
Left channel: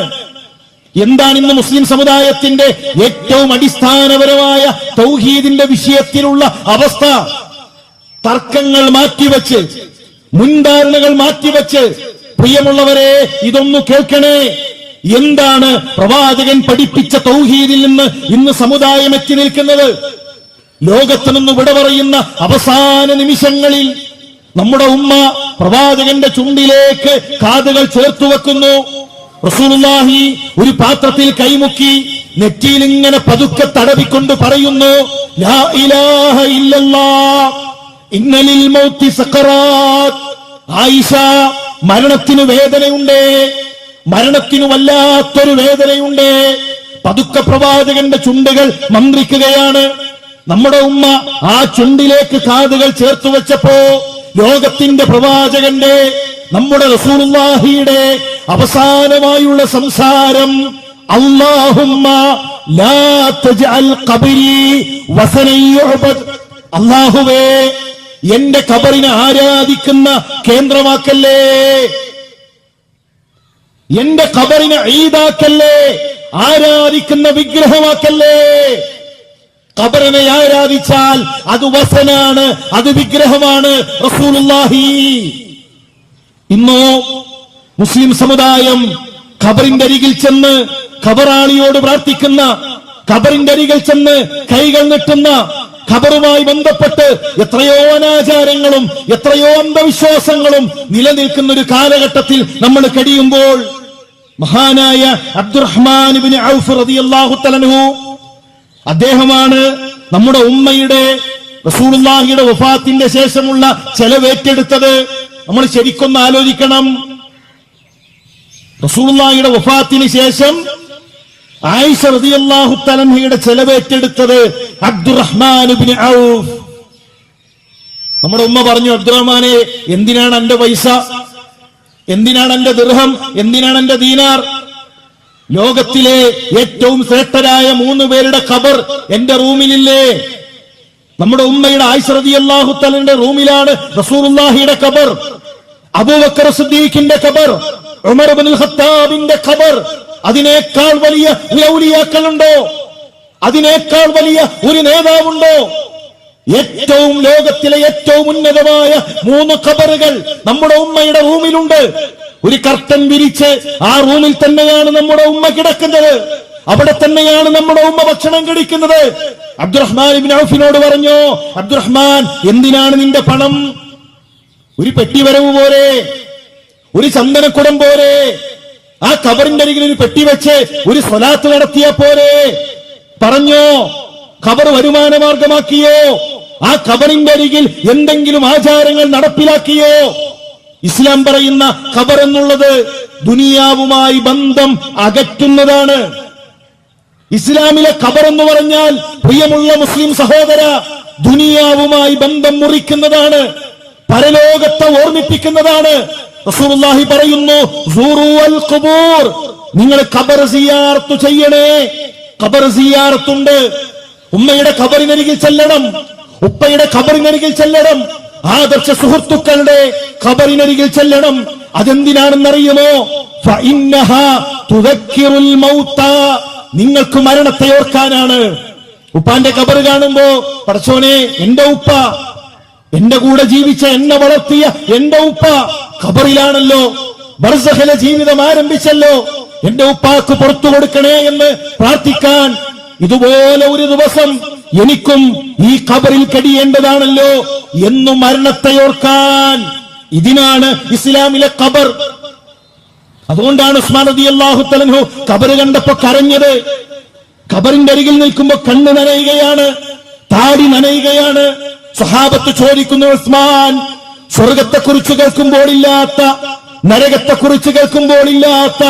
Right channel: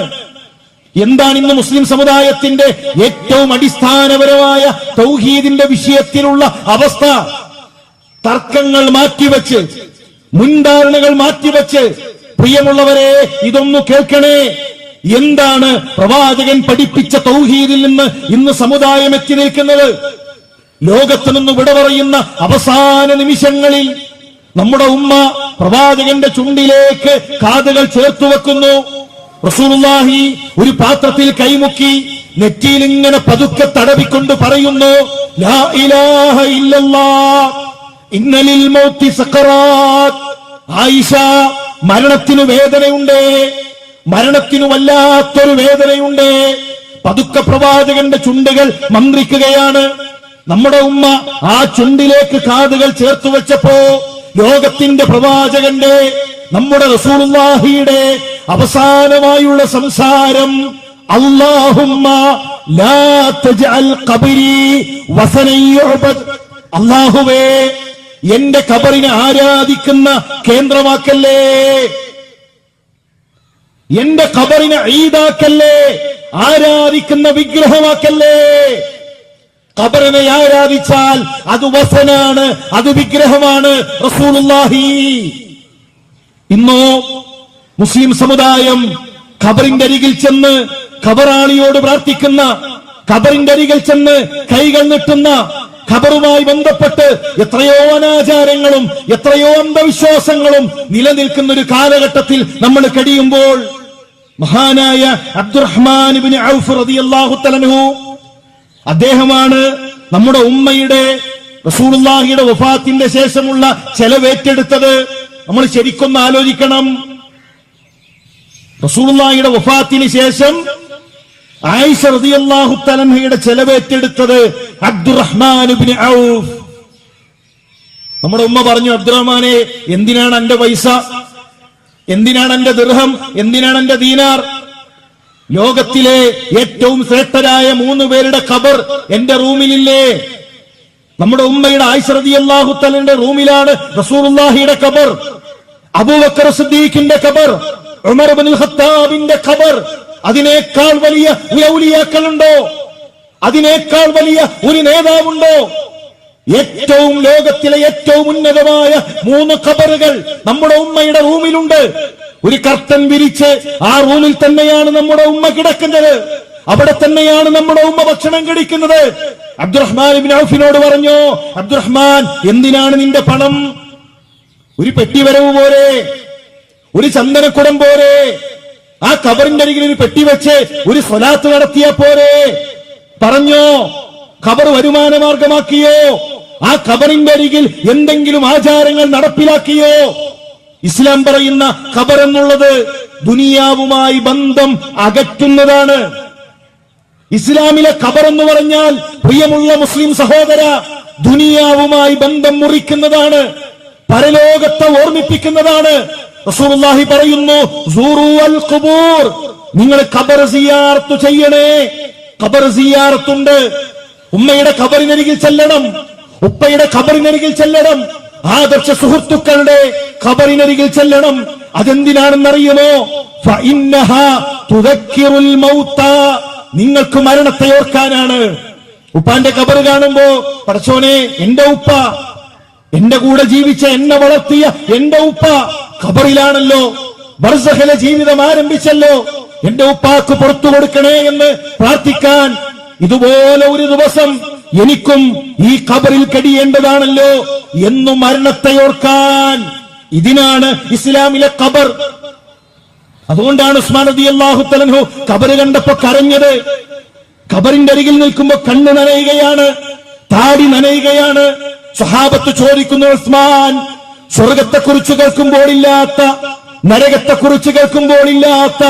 എന്താണ് ഇന്ന് മുസ്ലിം സമുദായത്തിന്റെ ഏറ്റവും അടിസ്ഥാനപരമായ തൗഹീദിന്റെ വിഷയത്തിലുള്ള അവസ്ഥ? തർക്കങ്ങൾ മാറ്റിവെച്ച്, മുൻധാരണകൾ മാറ്റിവെച്ച്, പ്രിയമുള്ളവരെ ഇതൊന്നു കേൾക്കണേ. എന്താണ് പ്രവാചകൻ പഠിപ്പിച്ച തൗഹീദിൽ നിന്ന് ഇന്ന് സമുദായം എത്തി നിൽക്കുന്നത്? ലോകത്ത് നിന്ന് വിട പറയുന്ന അവസാന നിമിഷങ്ങളിൽ നമ്മുടെ ഉമ്മ പ്രവാചകന്റെ ചുണ്ടിലേക്ക് കാതുകൾ ചേർത്തുവെക്കുന്നു. റസൂലുള്ളാഹി ഒരു പാത്രത്തിൽ കൈമുക്കി നെറ്റിയിൽ ഇങ്ങനെ പതുക്കെ തടവിക്കൊണ്ട് പറയുന്നു, ലാ ഇലാഹ ഇല്ലല്ലാഹ് ഇന്നലിൽ മൗത്തി സഖറാത്ത്. ആയിഷ, മരണത്തിന് വേദനയുണ്ട്, മരണത്തിന് വല്ലാത്തൊരു വേദനയുണ്ട്. പതുക്കെ പ്രവാചകന്റെ ചുണ്ടുകൾ മന്ത്രിക്കുകയാണ്. നമ്മുടെ ഉമ്മ ആ ചുണ്ടിലേക്ക് കാതുകൾ ചേർത്തു വെച്ചപ്പോ ലോകത്തിന്റെ പ്രവാചകന്റെ, നമ്മുടെ റസൂലുള്ളാഹിയുടെ അവസാനമായുള്ള സംസാരം, അല്ലാഹുമ്മ ലാ തജ്അൽ ഖബരി വസനൻ യുഅബദ്. അല്ലാഹുവേ, എന്റെ ഖബറിനെ ആരാധിക്കുന്ന കേന്ദ്രമാക്കല്ലേ, എന്റെ ഖബറിനെ ഈദാക്കല്ലേ, ആരാധിക്കുന്ന വിഗ്രഹമാക്കല്ലേ. ഖബറിനെ ആരാധിച്ചാൽ അത് വസനാണ്, അത് വിഗ്രഹമാണ്. റസൂലുള്ളാഹി ഇന്നോ മുസ്ലിം സമുദായം ഖബറിന്റെ അരികിൽ ചെന്ന് ഖബറാളിയോട് പ്രാർത്ഥിക്കുന്ന, ഖബറിന്റെ അരികിൽ ചെന്ന് കൈകൾ നീട്ടുന്ന, ഖബറുമായി ബന്ധപ്പെട്ട് എത്രയോ അനാചാരങ്ങളും എത്രയോ അന്ധവിശ്വാസങ്ങളും നിലനിൽക്കുന്ന ഒരു കാലഘട്ടത്തിൽ നമ്മൾ കഴിയുമ്പോൾ മഹാനായ അബ്ദുറഹ്മാൻ ഇബ്നു ഔഫ് റളിയല്ലാഹു തആല അൻഹു, അദ്ദേഹമാണ് നമ്മുടെ ഉമ്മയുടെ റസൂലുള്ളാഹിയുടെ വഫാത്തിന്റെ ശേഷമുള്ള ചെലവേറ്റെടുത്തത്. നമ്മൾ ശരിക്കൊന്ന് ആലോചിക്കണം. റസൂലുള്ളാഹിയുടെ വഫാത്തിന് ശേഷം ആയിഷ റളിയല്ലാഹു തആല അൻഹയുടെ ചെലവേറ്റെടുത്തത് അബ്ദുറഹ്മാൻ ഇബ്നു ഔഫ്. നമ്മുടെ ഉമ്മ പറഞ്ഞു, അബ്ദുറഹ്മാനെ, എന്തിനാണ് എന്റെ പൈസ, എന്തിനാണ് എന്റെ ദിർഹം, എന്തിനാണ് എന്റെ ദീനാർ? ലോകത്തിലെ ഏറ്റവും ശ്രേഷ്ഠരായ 3 പേരുടെ ഖബർ എന്റെ റൂമിലില്ലേ? നമ്മുടെ ഉമ്മയുടെ ആയിഷ റളിയല്ലാഹു തആലയുടെ റൂമിലാണ് റസൂലുള്ളാഹിയുടെ ഖബർ, അബൂബക്കർ സിദ്ദീഖിന്റെ ഖബർ, ഉമർ ഇബ്നുൽ ഖത്താബിന്റെ ഖബർ. അതിനേക്കാൾ വലിയ ഔലിയാക്കളുണ്ടോ? അതിനേക്കാൾ വലിയ ഒരു നേതാവുണ്ടോ? ഏറ്റവും ലോകത്തിലെ ഏറ്റവും ഉന്നതമായ 3 ഖബറുകൾ നമ്മുടെ ഉമ്മയുടെ റൂമിലുണ്ട്. ഒരു കർട്ടൻ വിരിച്ച് ആ റൂമിൽ തന്നെയാണ് നമ്മുടെ ഉമ്മ കിടക്കുന്നത്, അവിടെ തന്നെയാണ് നമ്മുടെ ഉമ്മ ഭക്ഷണം കഴിക്കുന്നത്. അബ്ദുറഹ്മാൻ ഇബ്നു ഔഫിനോട് പറഞ്ഞു, അബ്ദുറഹ്മാൻ, എന്തിനാണ് നിന്റെ പണം? ഒരു പെട്ടി വരവ് പോരെ, ഒരു ചന്ദനക്കുടം പോരെ, ആ ഖബറിന്റെ അരികിൽ ഒരു പെട്ടി വെച്ച് ഒരു സ്വലാത്ത് നടത്തിയ പോരെ? പറഞ്ഞോ, ഖബർ വരുമാന മാർഗമാക്കിയോ? ആ ഖബറിന്റെ അരികിൽ എന്തെങ്കിലും ആചാരങ്ങൾ നടപ്പിലാക്കിയോ? ഇസ്ലാം പറയുന്ന ഖബർ എന്നുള്ളത് ദുനിയാവുമായി ബന്ധം അകറ്റുന്നതാണ്. ഇസ്ലാമിലെ ഖബർ എന്ന് പറഞ്ഞാൽ, പ്രിയമുള്ള മുസ്ലിം സഹോദര, ദുനിയാവുമായി ബന്ധം മുറിക്കുന്നതാണ്, പരലോകത്തെ ഓർമ്മിപ്പിക്കുന്നതാണ്. റസൂലുള്ളാഹി പറയുന്നു, സൂറുൽ ഖുബൂർ, നിങ്ങൾ ഖബർ സിയാറത്ത് ചെയ്യണേ. ഖബർ സിയാറത്തുണ്ട്. ഉമ്മയുടെ ഖബറിനരികിൽ ചെല്ലണം, ഉപ്പയുടെ ഖബറിനരികിൽ ചെല്ലണം, ആദർശ സുഹൃത്തുക്കളുടെ ഖബറിനരികിൽ ചെല്ലണം. അതെന്തിനാണെന്നറിയുമോ? ഫഇന്നഹാ തുദക്കിറുൽ മൗത, നിങ്ങൾക്ക് മരണത്തെ ഓർക്കാനാണ്. ഉപ്പാന്റെ ഖബർ കാണുമ്പോ, പടച്ചോനെ, എന്റെ ഉപ്പ, എന്റെ കൂടെ ജീവിച്ച, എന്നെ വളർത്തിയ എന്റെ ഉപ്പ ഖബറിലാണല്ലോ, ബർസഖിലെ ജീവിതം ആരംഭിച്ചല്ലോ, എന്റെ ഉപ്പാക്ക് പുറത്തു കൊടുക്കണേ എന്ന് പ്രാർത്ഥിക്കാൻ ഇതുപോലെ ഒരു ദിവസം എനിക്കും ഈ ഖബറിൽ കഴിയേണ്ടതാണല്ലോ എന്നു മരണത്തെ ഓർക്കാൻ. ഇതിനാണ് ഇസ്ലാമിലെ ഖബർ. അതുകൊണ്ടാണ് ഉസ്മാൻ റളിയല്ലാഹു തആല അൻഹു ഖബർ കണ്ടപ്പോ കരഞ്ഞത്. ഖബറിന്റെ അരികിൽ നിൽക്കുമ്പോ കണ്ണ് നനയുകയാണ്, താടി നനയുകയാണ്. സ്വഹാബത്ത് ചോദിക്കുന്നു, ഉസ്മാൻ, സ്വർഗത്തെക്കുറിച്ച് കേൾക്കുമ്പോഴില്ലാത്ത, നരകത്തെക്കുറിച്ച് കേൾക്കുമ്പോഴില്ലാത്ത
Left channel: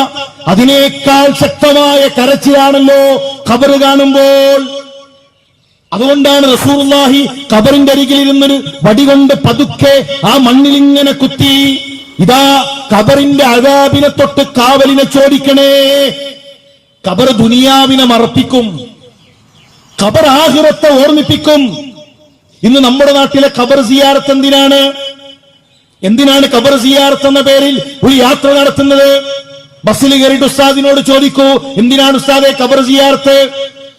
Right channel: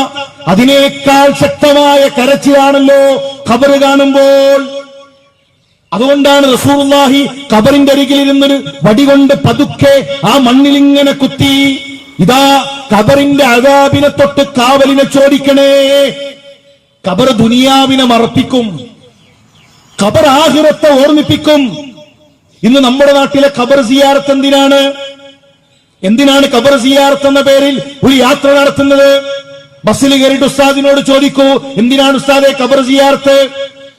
അതിനേക്കാൾ ശക്തമായ കരച്ചിലാണല്ലോ ഖബർ കാണുമ്പോൾ. അതുകൊണ്ടാണ് റസൂലുള്ളാഹി ഖബറിന്റെ അരികിൽ ഇരുന്നൊരു വടികൊണ്ട് പതുക്കെ ആ മണ്ണിലിങ്ങനെ കുത്തി, ഇതാ ഖബറിന്റെ അദാബിനെ തൊട്ട് കാവലിനെ ചോദിക്കണേ. ഖബർ ദുനിയാവിനെ മറപ്പിക്കും, ഖബർ ആഖിറത്തെ ഓർമ്മിപ്പിക്കും. ഇന്ന് നമ്മുടെ നാട്ടിലെ ഖബർ സിയാറത്ത് എന്തിനാണ്? എന്തിനാണ് ഖബർ സിയാറത്ത് എന്ന പേരിൽ ഒരു യാത്ര നടത്തുന്നത്? ബസ്സിൽ കയറിയിട്ട് ഉസ്താദിനോട് ചോദിക്കൂ, എന്തിനാണ് ഉസ്താദെ ഖബർ സിയാറത്ത്?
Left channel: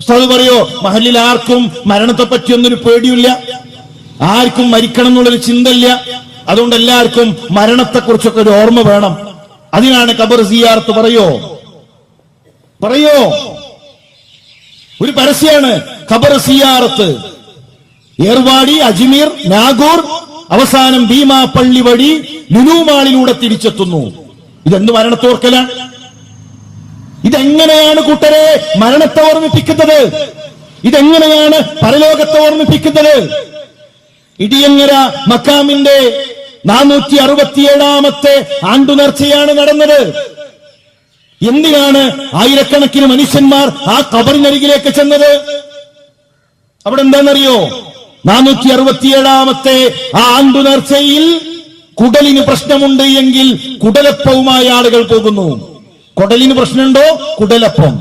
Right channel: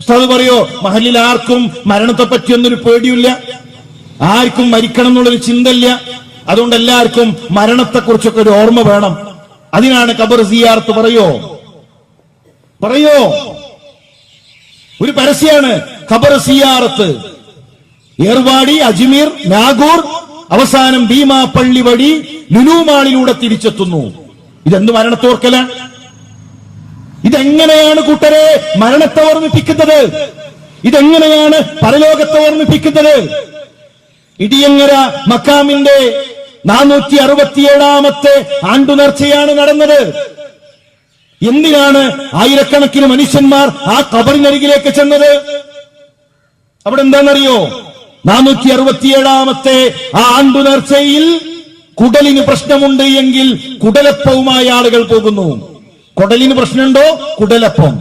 ഉസ്താദ് പറയോ, മഹല്ലിൽ ആർക്കും മരണത്തെ പറ്റിയൊന്നൊരു പേടിയില്ല, ആർക്കും മരിക്കണം എന്നുള്ളൊരു ചിന്തയില്ല, അതുകൊണ്ട് എല്ലാവർക്കും മരണത്തെക്കുറിച്ചൊക്കെ ഒരു ഓർമ്മ വേണം, അതിനാണ് ഖബർ സിയാറത്ത്. പറയോ? ഒരു പരസ്യമാണ് ഖബർ സിയാറത്ത്. ഏർവാടി, അജ്മീർ, നാഗൂർ, അവസാനം ഭീമാപ്പള്ളി വഴി ലുലു മാളിലൂടെ തിരിച്ചെത്തുന്നു. ഇതെന്ത് മരണത്തോർക്കലാണ്? ഇതെങ്ങനെയാണ് കൂട്ടരെ മരണത്തെ ഓർമ്മിപ്പിക്കുന്നത്? ഇതെങ്ങനെയാണ് പരലോകത്തെ ഓർമ്മിപ്പിക്കുന്നത്? ഇടിയങ്ങര മക്കാമിന്റെ 467ാമത്തെ ആണ്ടുനേർച്ചയാണ് നടന്നത്. എന്തിനാണ് ആയിരക്കണക്കിന് മനുഷ്യന്മാർ ആ ഖബറിനരികിലേക്ക് ചെന്നത്? അവിടെ എന്താണെന്നറിയോ? 467ാമത്തെ ആ ആണ്ടുനേർച്ചയിൽ കുടലിന് പ്രശ്നമുണ്ട് എങ്കിൽ കുടലപ്പവുമായി ആളുകൾ പോകുന്നു. കുടലിന് പ്രശ്നമുണ്ടോ? കുടലപ്പം.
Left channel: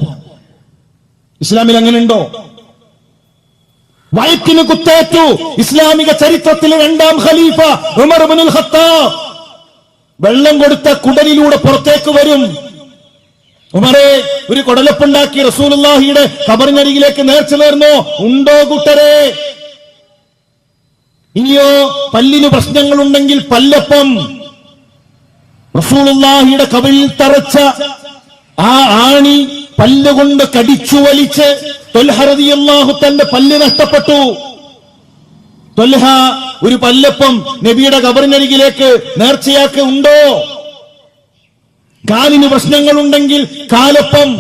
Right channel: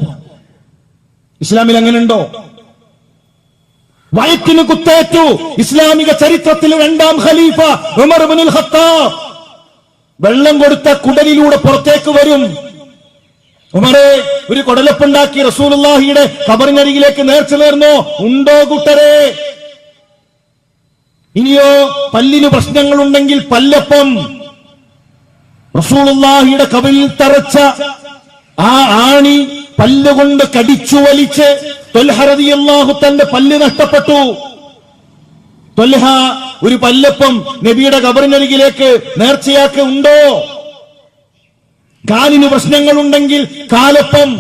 ഇസ്ലാമിൽ അങ്ങനെയുണ്ടോ? വയറ്റിന് കുത്തേറ്റു. ഇസ്ലാമിക ചരിത്രത്തിലെ 2ാം ഖലീഫ ഉമർ ഇബ്നുൽ ഖത്താബ് വെള്ളം കൊടുത്ത കുടലിലൂടെ പുറത്തേക്ക് വരും. ഉമറെ, ഒരു കുടലപ്പുണ്ടാക്കി റസൂലുള്ളാഹിയുടെ ഖബറിനരികിലേക്ക് നേർച്ച നേർന്നോ? ഉണ്ടോ കൂട്ടരെ? ഇനിയോ പല്ലിന് പ്രശ്നങ്ങളുണ്ടെങ്കിൽ പല്ലപ്പം. റസൂലുള്ളാഹിയുടെ ഖബറിൽ തറച്ച ആ ആണി പല്ലുകൊണ്ട് കടിച്ചു വലിച്ച് ത്വൽഹ റളിയല്ലാഹു തന്റെ പല്ല് നഷ്ടപ്പെട്ടു. ത്വൽഹ ഒരു പല്ലപ്പം നബിയുടെ ഖബറിനരികിലേക്ക് നേർച്ചയാക്കി ഉണ്ടോ? കാലിന് പ്രശ്നങ്ങളുണ്ടെങ്കിൽ കാലപ്പം.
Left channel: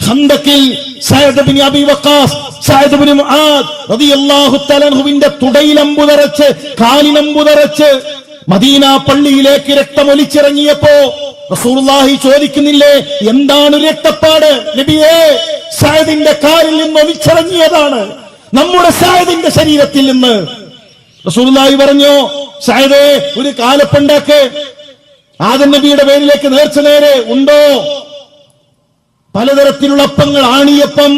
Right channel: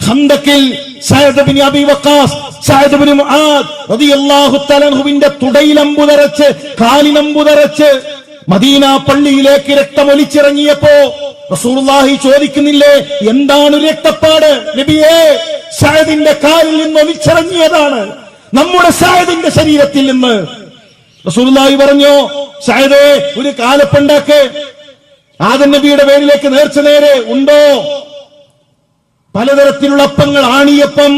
ഖന്തക്കിൽ Saad bin Abi Waqqas, Saad bin Muadh റളിയല്ലാഹു തആല അൻഹുവിന്റെ തുടയിലമ്പു തറച്ച്, കാലിനമ്പു തറച്ച് മദീന പള്ളിയിലേക്ക് രക്തമൊലിച്ചിറങ്ങിയപ്പോ റസൂലുള്ളാഹി ചോദിക്കുന്നില്ലേ, എന്താണ് രക്തപ്പാട് നബിയേ? സഅദിന്റെ കാലിൽ നിന്ന് ഒലിച്ചിറങ്ങിയതാണ്, നമ്മുടെ സഅദിന്റെ ശരീരത്തിൽ നിന്ന്. റസൂലുള്ളാഹി പറഞ്ഞു, സഅദേ ഒരു കാലപ്പുണ്ടാക്ക്, ആദം നബിയുടെ പേരിലേക്ക് നേർച്ച നേരെ ഉണ്ടോ? പലതരത്തിലുള്ള അപ്പങ്ങൾ, ആണിയപ്പം,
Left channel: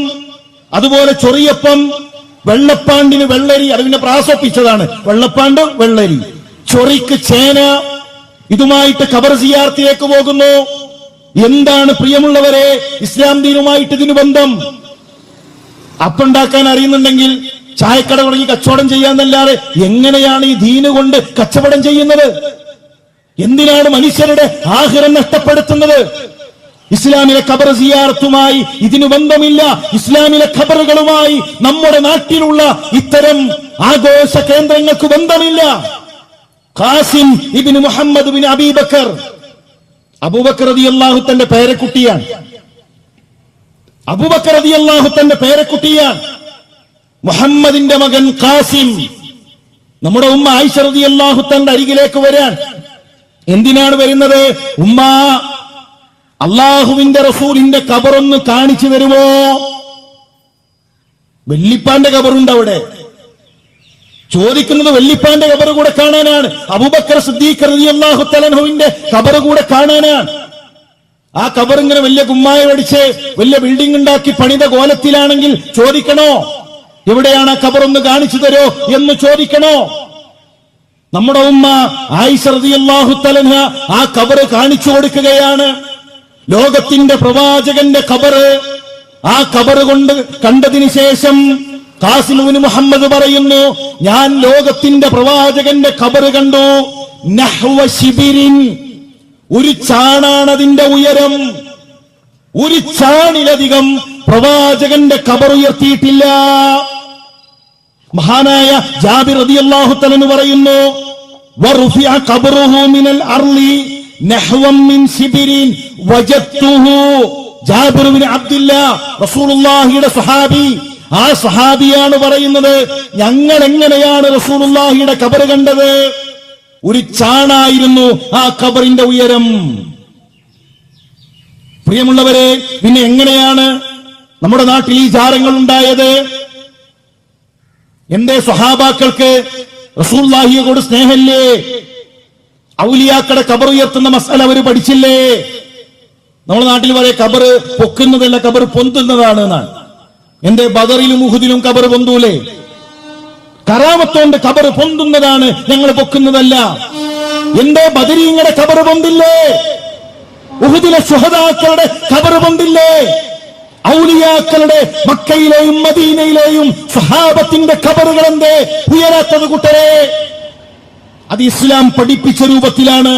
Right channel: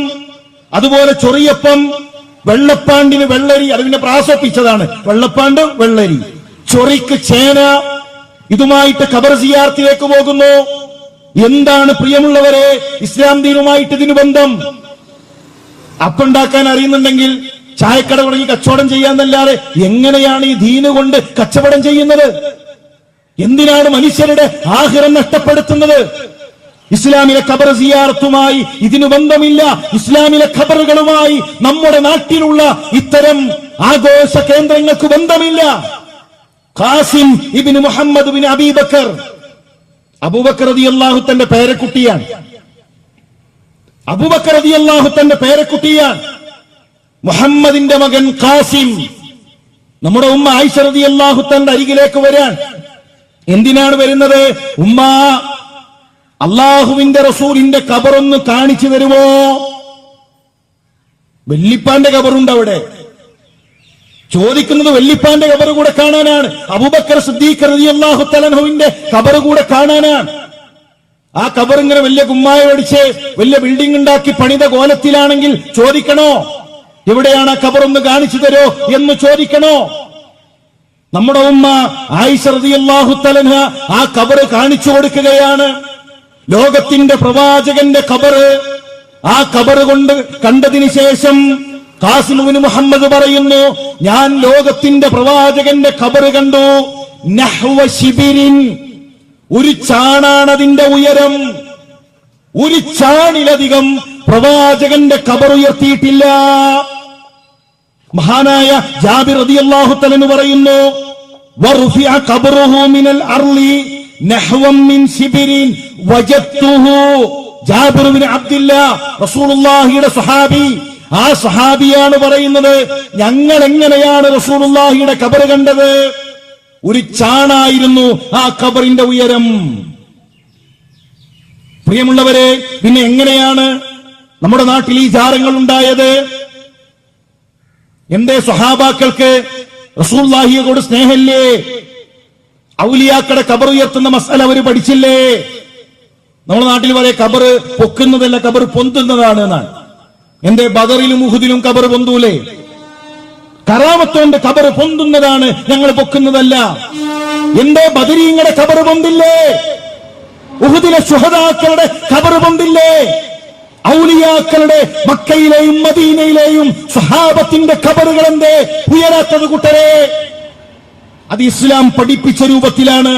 അതുപോലെ ചൊറിയപ്പം, വെള്ളപ്പാണ്ടിന് വെള്ളരി, അതിനെ പ്രാസപ്പിച്ചതാണ് വെള്ളപ്പാണ്ട് വെള്ളരി, ചൊറിക്ക് ചേന. ഇതുമായിട്ട് ഖബർ സിയാറത്തിലേക്ക് പോകുന്നു. എന്താണ് പ്രിയമുള്ളവരെ ഇസ്ലാം ദീനുമായിട്ട് ഇതിന് ബന്ധം? അപ്പുണ്ടാക്കാൻ അറിയുന്നുണ്ടെങ്കിൽ ചായക്കട തുടങ്ങി കച്ചവടം ചെയ്യാന്നല്ലാതെ എങ്ങനെയാണ് ഈ ദീന് കൊണ്ട് കച്ചവടം ചെയ്യുന്നത്? എന്തിനാണ് മനുഷ്യരുടെ ആഖിറം നഷ്ടപ്പെടുത്തുന്നത്? ഇസ്ലാമിലെ ഖബർ സിയാറത്തുമായി ഇതിനു ബന്ധമില്ല. ഇസ്ലാമിലെ ഖബറുകളുമായി നമ്മുടെ നാട്ടിലുള്ള ഇത്തരം ആഘോഷ കേന്ദ്രങ്ങൾക്ക് ബന്ധമില്ല. ഖാസിം ഇബ്നു മുഹമ്മദ് ബിൻ അബീബക്കർ, അബൂബക്കർ റളിയല്ലാഹു തന്റെ പേരക്കുട്ടിയാണ്. അബൂബക്കർ റളിയല്ലാഹു തന്റെ പേരക്കുട്ടിയാണ്. മുഹമ്മദിന്റെ മകൻ ഖാസിം. നമ്മുടെ ഉമ്മ ആയിഷ റളിയല്ലാഹു തന്റെ അരികിലേക്ക് വരാൻ. എന്തിനാണ് വരുന്നത്? ഉമ്മ, അള്ളാഹുവിന്റെ റസൂലിന്റെ ഖബറൊന്ന് കാണിച്ചു തരുമോ? വെല്ലിപ്പാന്റെ ഖബറുണ്ട് അവിടെ. ചോദിക്കുന്നത് വെല്ലിപ്പാന്റെ ഖബർ കൂടെ കാണാനാണ്. അബൂബക്കർ സിദ്ദീഖ് റളിയല്ലാഹു തആല അൻഹുവിന്റെ ഖബർ കൂടെ കാണാനാണ്. ആ ഖബർ ഇങ്ങനെ വലിയ കുമ്മായമടിച്ച് വലിയ ബിൽഡിംഗ് ഉണ്ടാക്കി പണിത കോലത്തിലാണെങ്കിൽ ചോദിക്കണോ, എവിടെയാണ് ആ ഖബർ ഒന്ന് കാണിച്ചു തരോ എന്ന് ചോദിക്കണോ? നമ്മുടെ ഉമ്മ ആയിഷ റളിയല്ലാഹു തആല അൻഹ ആ ഖബർ കാണിച്ചു കൊടുക്കുകയാണ്. ലോകത്തിന്റെ പ്രവാചകന്റെ ഖബർ. ആ ഖബർ കൊണ്ട് കണ്ടതിന് ശേഷം ഖാസിം ഇബ്നു മുഹമ്മദ് പറയുന്നു, ഞാൻ ലോകത്തിന്റെ പ്രവാചകന്റെ ഖബർ കണ്ടു. നഹ്വ ശിബിരിൻ, ഒരു ചാണാണതിന്റെ ഉയരം. ഒരു ചാണിലധികം പ്രവാചകന്റെ ഖബർ ഉയർത്തിയിട്ടില്ല. മഹാനായ ജാബിർ റളിയല്ലാഹു തആല പറയുന്നു, വറുഫിഅ ഖബറുഹു മിനൽ അർളി നഹ്വൻ മിൻ ശിബിരിൻ വജദ്തുഹു. ജാബിർ ബിൻ അബ്ദുല്ലാഹ് റസൂലുള്ളാഹിയുടെ സഹാബി. ആ സഹാബിയാണ് പറയുന്നത്, ഞങ്ങൾ എങ്ങനെയാണ് റസൂലുള്ളാഹിയുടെ ഖബർ കണ്ടത്? ഒരു ചാണായിരുന്നു ആ ഖബറിന്റെ ഉയരം. പ്രിയമുള്ളവരെ, പിന്നെ എങ്ങനെയാണ് നമ്മുടെ നാട്ടിൽ ഈ ജാരങ്ങൾ ഉണ്ടായത്? എന്തേ സ്വഹാബാക്കൾക്ക് റസൂലുള്ളാഹിയോട് സ്നേഹമില്ലേ? ഔലിയാക്കളുടെ ഖബർ ഉയർത്തുന്ന മസല അവർ പഠിച്ചില്ലേ? നമ്മുടെ നാട്ടിൽ വരെ ഖബർ പൊക്കുന്നതല്ല, ഖബർ പൊന്തുന്നതാണ് എന്നാണ്. എന്റെ ബദറിലും ഉഹുദിലും ഖബർ പൊന്തൂലേ? കറാമത്തോണ്ട് ഖബർ പൊന്തുന്നതാണ്, ഞങ്ങൾ പൊക്കുന്നതല്ല. എന്റെ ബദരീങ്ങളുടെ ഖബർ പൊന്തില്ലേ? ഉഹുദിലെ ശുഹദാക്കളുടെ ഖബർ പൊന്തില്ലേ? ഔലിയാക്കളുടെ മക്കയിലെയും മദീനയിലെയും സ്വഹാബത്തിന്റെ ഖബറുകൾ എന്തേ ഉയരാത്തത് കൂട്ടരെ? അത് ഇസ്ലാം പഠിപ്പിച്ച രൂപത്തിലാണ്.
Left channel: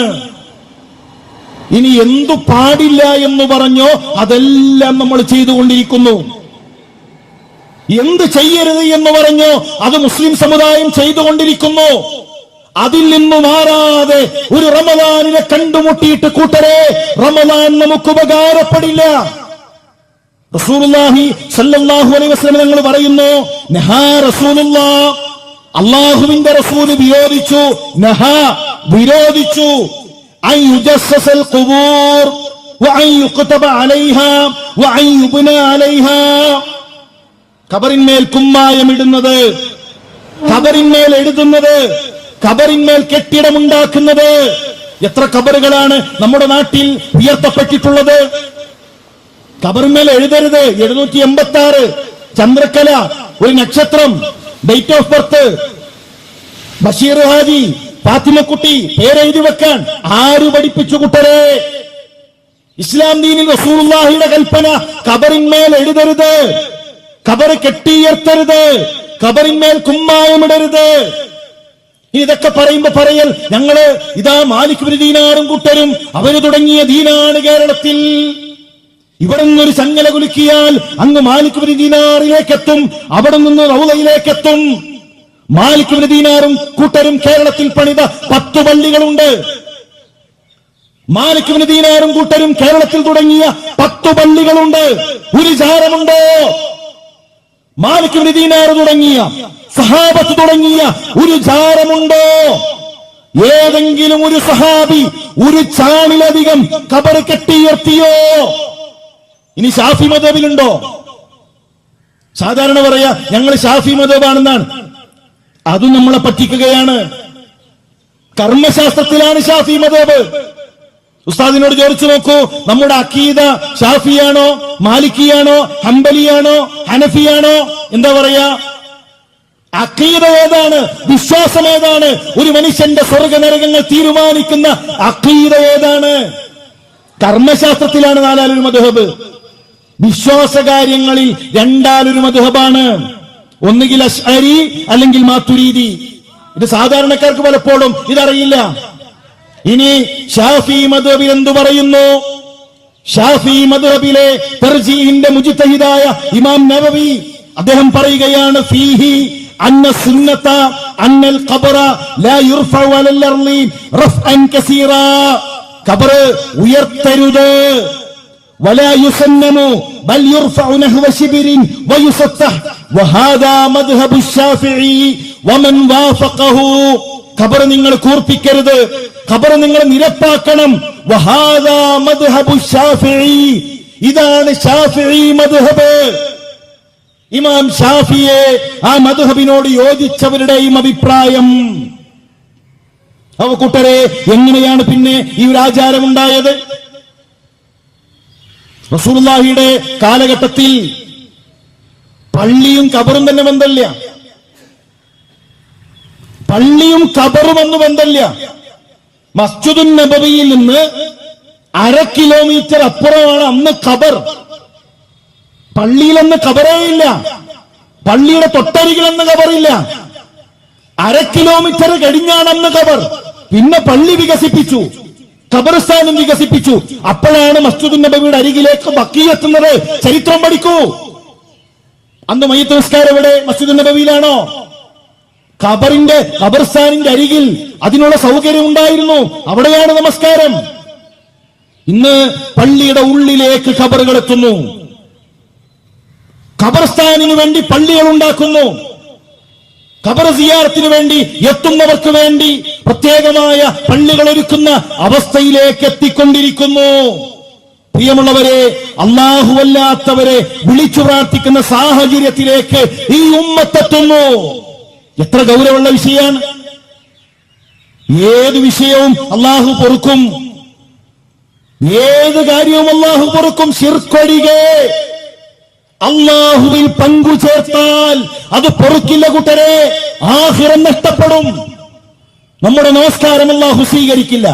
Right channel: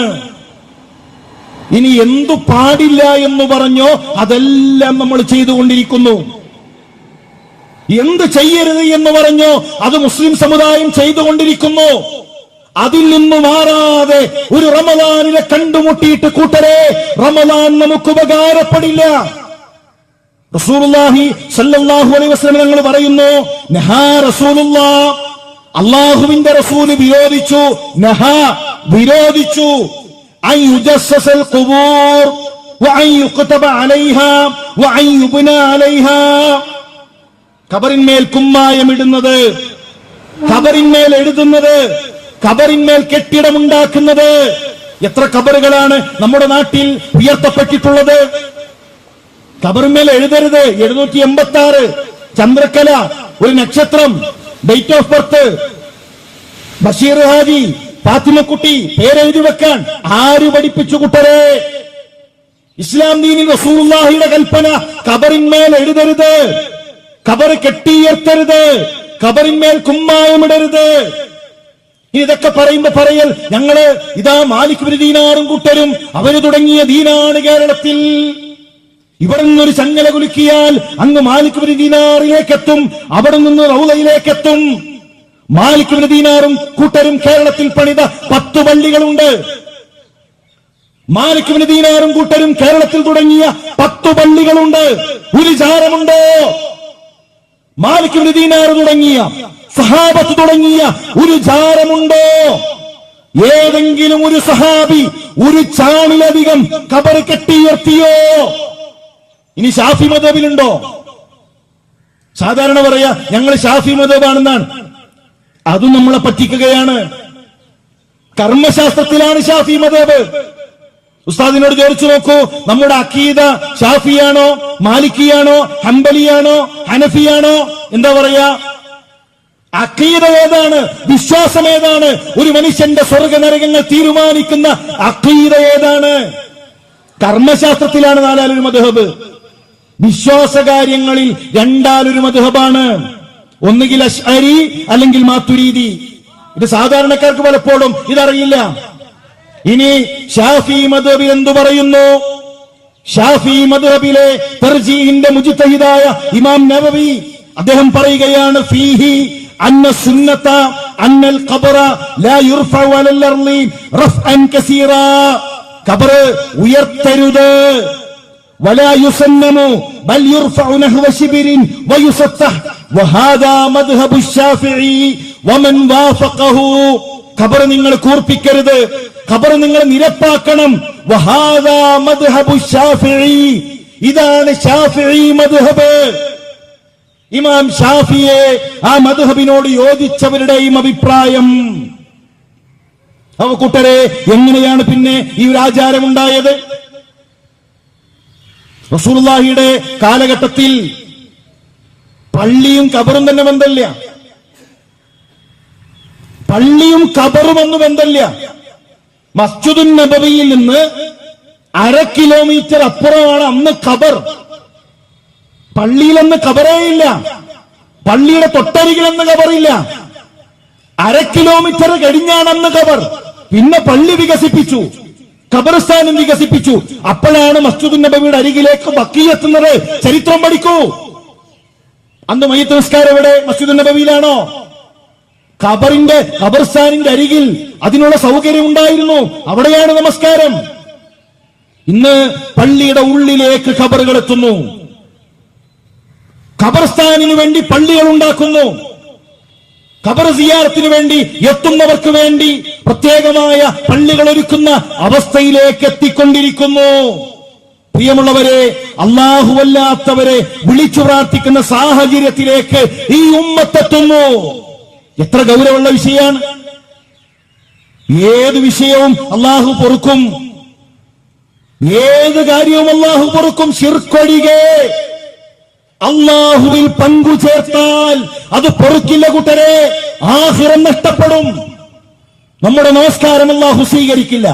ഇനി എന്തു പാടില്ല എന്ന് പറഞ്ഞോ അതെല്ലാം നമ്മൾ ചെയ്തുകൊണ്ടിരിക്കുന്നു. എന്ത് ചെയ്യരുത് എന്ന് പറഞ്ഞോ അത് മുസ്ലിം സമുദായം ചെയ്തുകൊണ്ടിരിക്കുന്നു. അതിൽ നിന്ന് മാറാതെ ഒരു റമദാനിനെ കണ്ടുമുട്ടിയിട്ട് കൂട്ടരെ, റമദാൻ നമുക്ക് ഉപകാരപ്പെടില്ല. റസൂലുള്ളാഹി സ്വല്ലല്ലാഹു അലൈഹി വസല്ലം ഞങ്ങൾ പറയുന്നു, നഹാ റസൂലുള്ളാഹ്, അല്ലാഹുവിന്റെ റസൂൽ വിരോധിച്ചു, നഹാ വിരോധിച്ചു, അൻ യുജസ്സസൽ ഖുബൂർ വഅൻ യുക്തബ അലൈഹാ വഅൻ യുബ്ന അലൈഹാ. ഖബറിന്മേൽ കുമ്മായമിടുന്നത്, ഖബറിന്മേൽ എഴുതുന്നത്, ഖബറിന്മേൽ കെട്ടിടമുണ്ടാക്കുന്നത്. എത്ര ഖബറുകളാണ് നമ്മുടെ നാട്ടിൽ ഉയർത്തപ്പെട്ടിട്ടുള്ളത്? ഖബറിന്മേൽ എഴുതരുത്. 786 ചന്ദ്രക്കല, ഒരു നക്ഷത്രം, date of birth, Basheer Haji, Fathimakutty പേരെഴുതി വെക്കാൻ ആര് പഠിപ്പിച്ചു കൂട്ടരെ? ഇസ്ലാം ദീനിൽ റസൂലുള്ളാഹിയുടെ കൽപ്പന ഖബറിന്മേൽ എഴുതരുത്, ഖബർ കെട്ടിയുയർത്തരുത്, ഖബറിന്മേൽ കുമ്മായമിടരുത്. ഇതൊക്കെ പറയുമ്പോ പറയൽ ഞങ്ങള് ഇതാ മാലിക് ബിൻ ദീനാറും കൂട്ടരും അവര് തുടങ്ങിയ ദീനാണ് കേരളത്തിൽ. ഇവിടെ നിന്നൊരു ചങ്ങല കുലുക്കിയാൽ അങ്ങ് മാലിക് ബിൻ ദീനാറിലേക്ക് എത്തും, അവിടെ നിന്ന് റൗളയിലേക്ക് എത്തും. മാലിക് ബിൻ ദീനാറും കൂട്ടരും കേരളത്തിൽ പണിത 10 പള്ളികളുണ്ട്. മാലിക് ബിൻ ദീനാറും കൂട്ടരും കേരളത്തിൽ തുടങ്ങിയ 10 പള്ളികളുണ്ട്. ഒരു ജാരമുണ്ടോ? മാലിക് ബിൻ ദീനാർ തുടങ്ങിയ, സഹാബത്ത് തുടങ്ങിയ ഒരു ജാരമുണ്ടോ? ഏതെങ്കിലും ഒരു സഹാബി ഒരു ചാണിലധികം ഖബർ കെട്ടിയുയർത്തിയോ? ഇനി ഷാഫി മദ്ഹബിലുണ്ടോ? സാധാരണ പറയാ ഞങ്ങൾ ഷാഫി മദ്ഹബാണെന്നാണ്. അതും നമ്മളെ പറ്റിക്കുകയാണ്. കർമ്മശാസ്ത്രത്തിലാണ് ഷാഫി മദ്ഹബ്. ഉസ്താദിനോട് ചോദിച്ചു നോക്കൂ, നമ്മുടെ അഖീദ ഷാഫിയാണോ, മാലിക്കിയാണോ, ഹംബലിയാണോ, ഹനഫിയാണോ? എന്താ പറയാ? അഖീദ ഏതാണ്? വിശ്വാസം ഏതാണ്? ഒരു മനുഷ്യന്റെ സ്വർഗ നരകങ്ങൾ തീരുമാനിക്കുന്ന അഖീദ ഏതാണ്? കർമ്മശാസ്ത്രത്തിലാണ് 4 മദ്ഹബ്. വിശ്വാസകാര്യങ്ങളിൽ 2 മദ്ഹബാണ്. ഒന്നുകിൽ അശ്അരി അല്ലെങ്കിൽ മാതുരീദി. ഇത് സാധാരണക്കാർക്ക് പലപ്പോഴും ഇതറിയില്ല. ഇനി ഷാഫി മദ്ഹബിൽ എന്തു പറയുന്നു? ഷാഫി മദ്ഹബിലെ തർജീഹിന്റെ മുജ്തഹിദായ ഇമാം നവവി അദ്ദേഹം പറയുകയാണ്, ഫീഹി അന്ന സുന്നത അന്നൽ ഖബറ ലാ യുർഫഉ അലൽ അർളി റഫ്അൻ കസീറാ. ഖബർ ഉയർത്തരുത്. വലാ യുസന്നമു ബൽ യുർഫഉ നഹ്വ ശിബിരിൻ വയുസത്തഹ് വഹാദാ മദ്ഹബു ശാഫിഈ വമൻ വാഫഖഹു. ഖബർ നിങ്ങൾ കൂർപ്പിക്കരുത്, ഖബർ നിങ്ങൾ നിരപ്പാക്കണം. വഹാദാ മദ്ഹബു ശാഫിഈ, ഇതാണ് ഷാഫിഈ മദ്ഹബ്. ഇമാം ഷാഫിയെ ആ മദ്ഹബിനോട് യോജിച്ചവരുടെയും അഭിപ്രായം. അവ കൂട്ടരെ, എങ്ങനെയാണ് പിന്നെ ഈ ഒരു ആചാരം ഉണ്ടായത്? റസൂലുള്ളാഹിയുടെ കാലഘട്ടത്തിൽ പള്ളിയും ഖബറും തന്നെ ബന്ധമില്ല. പള്ളിയും ഖബറും എന്ന് ബന്ധമില്ല. മസ്ജിദുൻ നബവിയിൽ നിന്ന് 1/2 കിലോമീറ്റർ അപ്പുറമാണ് അന്ന് ഖബർ. പള്ളിയിലെന്ന് ഖബറേ ഇല്ല. പള്ളിയുടെ തൊട്ടരികിലെന്ന് ഖബറില്ല. 1/2 കിലോമീറ്റർ കഴിഞ്ഞാണ് അന്ന് ഖബർ. പിന്നെ പള്ളി വികസിപ്പിച്ചു, ഖബർസ്ഥാനം വികസിപ്പിച്ചു. അപ്പോഴാണ് മസ്ജിദുൻ നബവിയുടെ അരികിലേക്ക് ബഖീ എത്തുന്നത്. ചരിത്രം പഠിക്കൂ. അന്ന് മയ്യിത്ത് നിസ്കാരം എവിടെ? മസ്ജിദുൻ നബവിയിലാണോ? ഖബർസ്ഥാനിന്റെ അരികിൽ അതിനുള്ള സൗകര്യം ഉണ്ടായിരുന്നു. അവിടെയാണ് നമസ്കാരം. ഇന്ന് പള്ളിയുടെ ഉള്ളിലേക്ക് ഖബറുകൾ എത്തുന്നു. ഖബർസ്ഥാനിന് വേണ്ടി പള്ളികൾ ഉണ്ടാക്കുന്നു. ഖബർ സിയാറത്തിന് വേണ്ടി എത്തുന്നവർക്ക് വേണ്ടി പ്രത്യേകമായ പള്ളികൾ ഒരുക്കുന്ന അവസ്ഥയിലേക്ക് എത്തിക്കൊണ്ടിരിക്കുന്നു. പ്രിയമുള്ളവരെ, അല്ലാഹുവല്ലാത്തവരെ വിളിച്ചു പ്രാർത്ഥിക്കുന്ന സാഹചര്യത്തിലേക്ക് ഈ ഉമ്മത്തെത്തുന്നു. എത്ര ഗൗരവമുള്ള വിഷയമാണ്! ഏത് വിഷയവും അല്ലാഹു പൊറുക്കും. ഏത് കാര്യവും അല്ലാഹു പൊറുക്കും. ശിർക്കൊഴികെ. അല്ലാഹുവിൽ പങ്കു ചേർത്താൽ അത് പൊറുക്കില്ല കൂട്ടരെ. ആഖിറം നഷ്ടപ്പെടും. നമ്മുടെ നമസ്കാരം അല്ലാഹു സ്വീകരിക്കില്ല.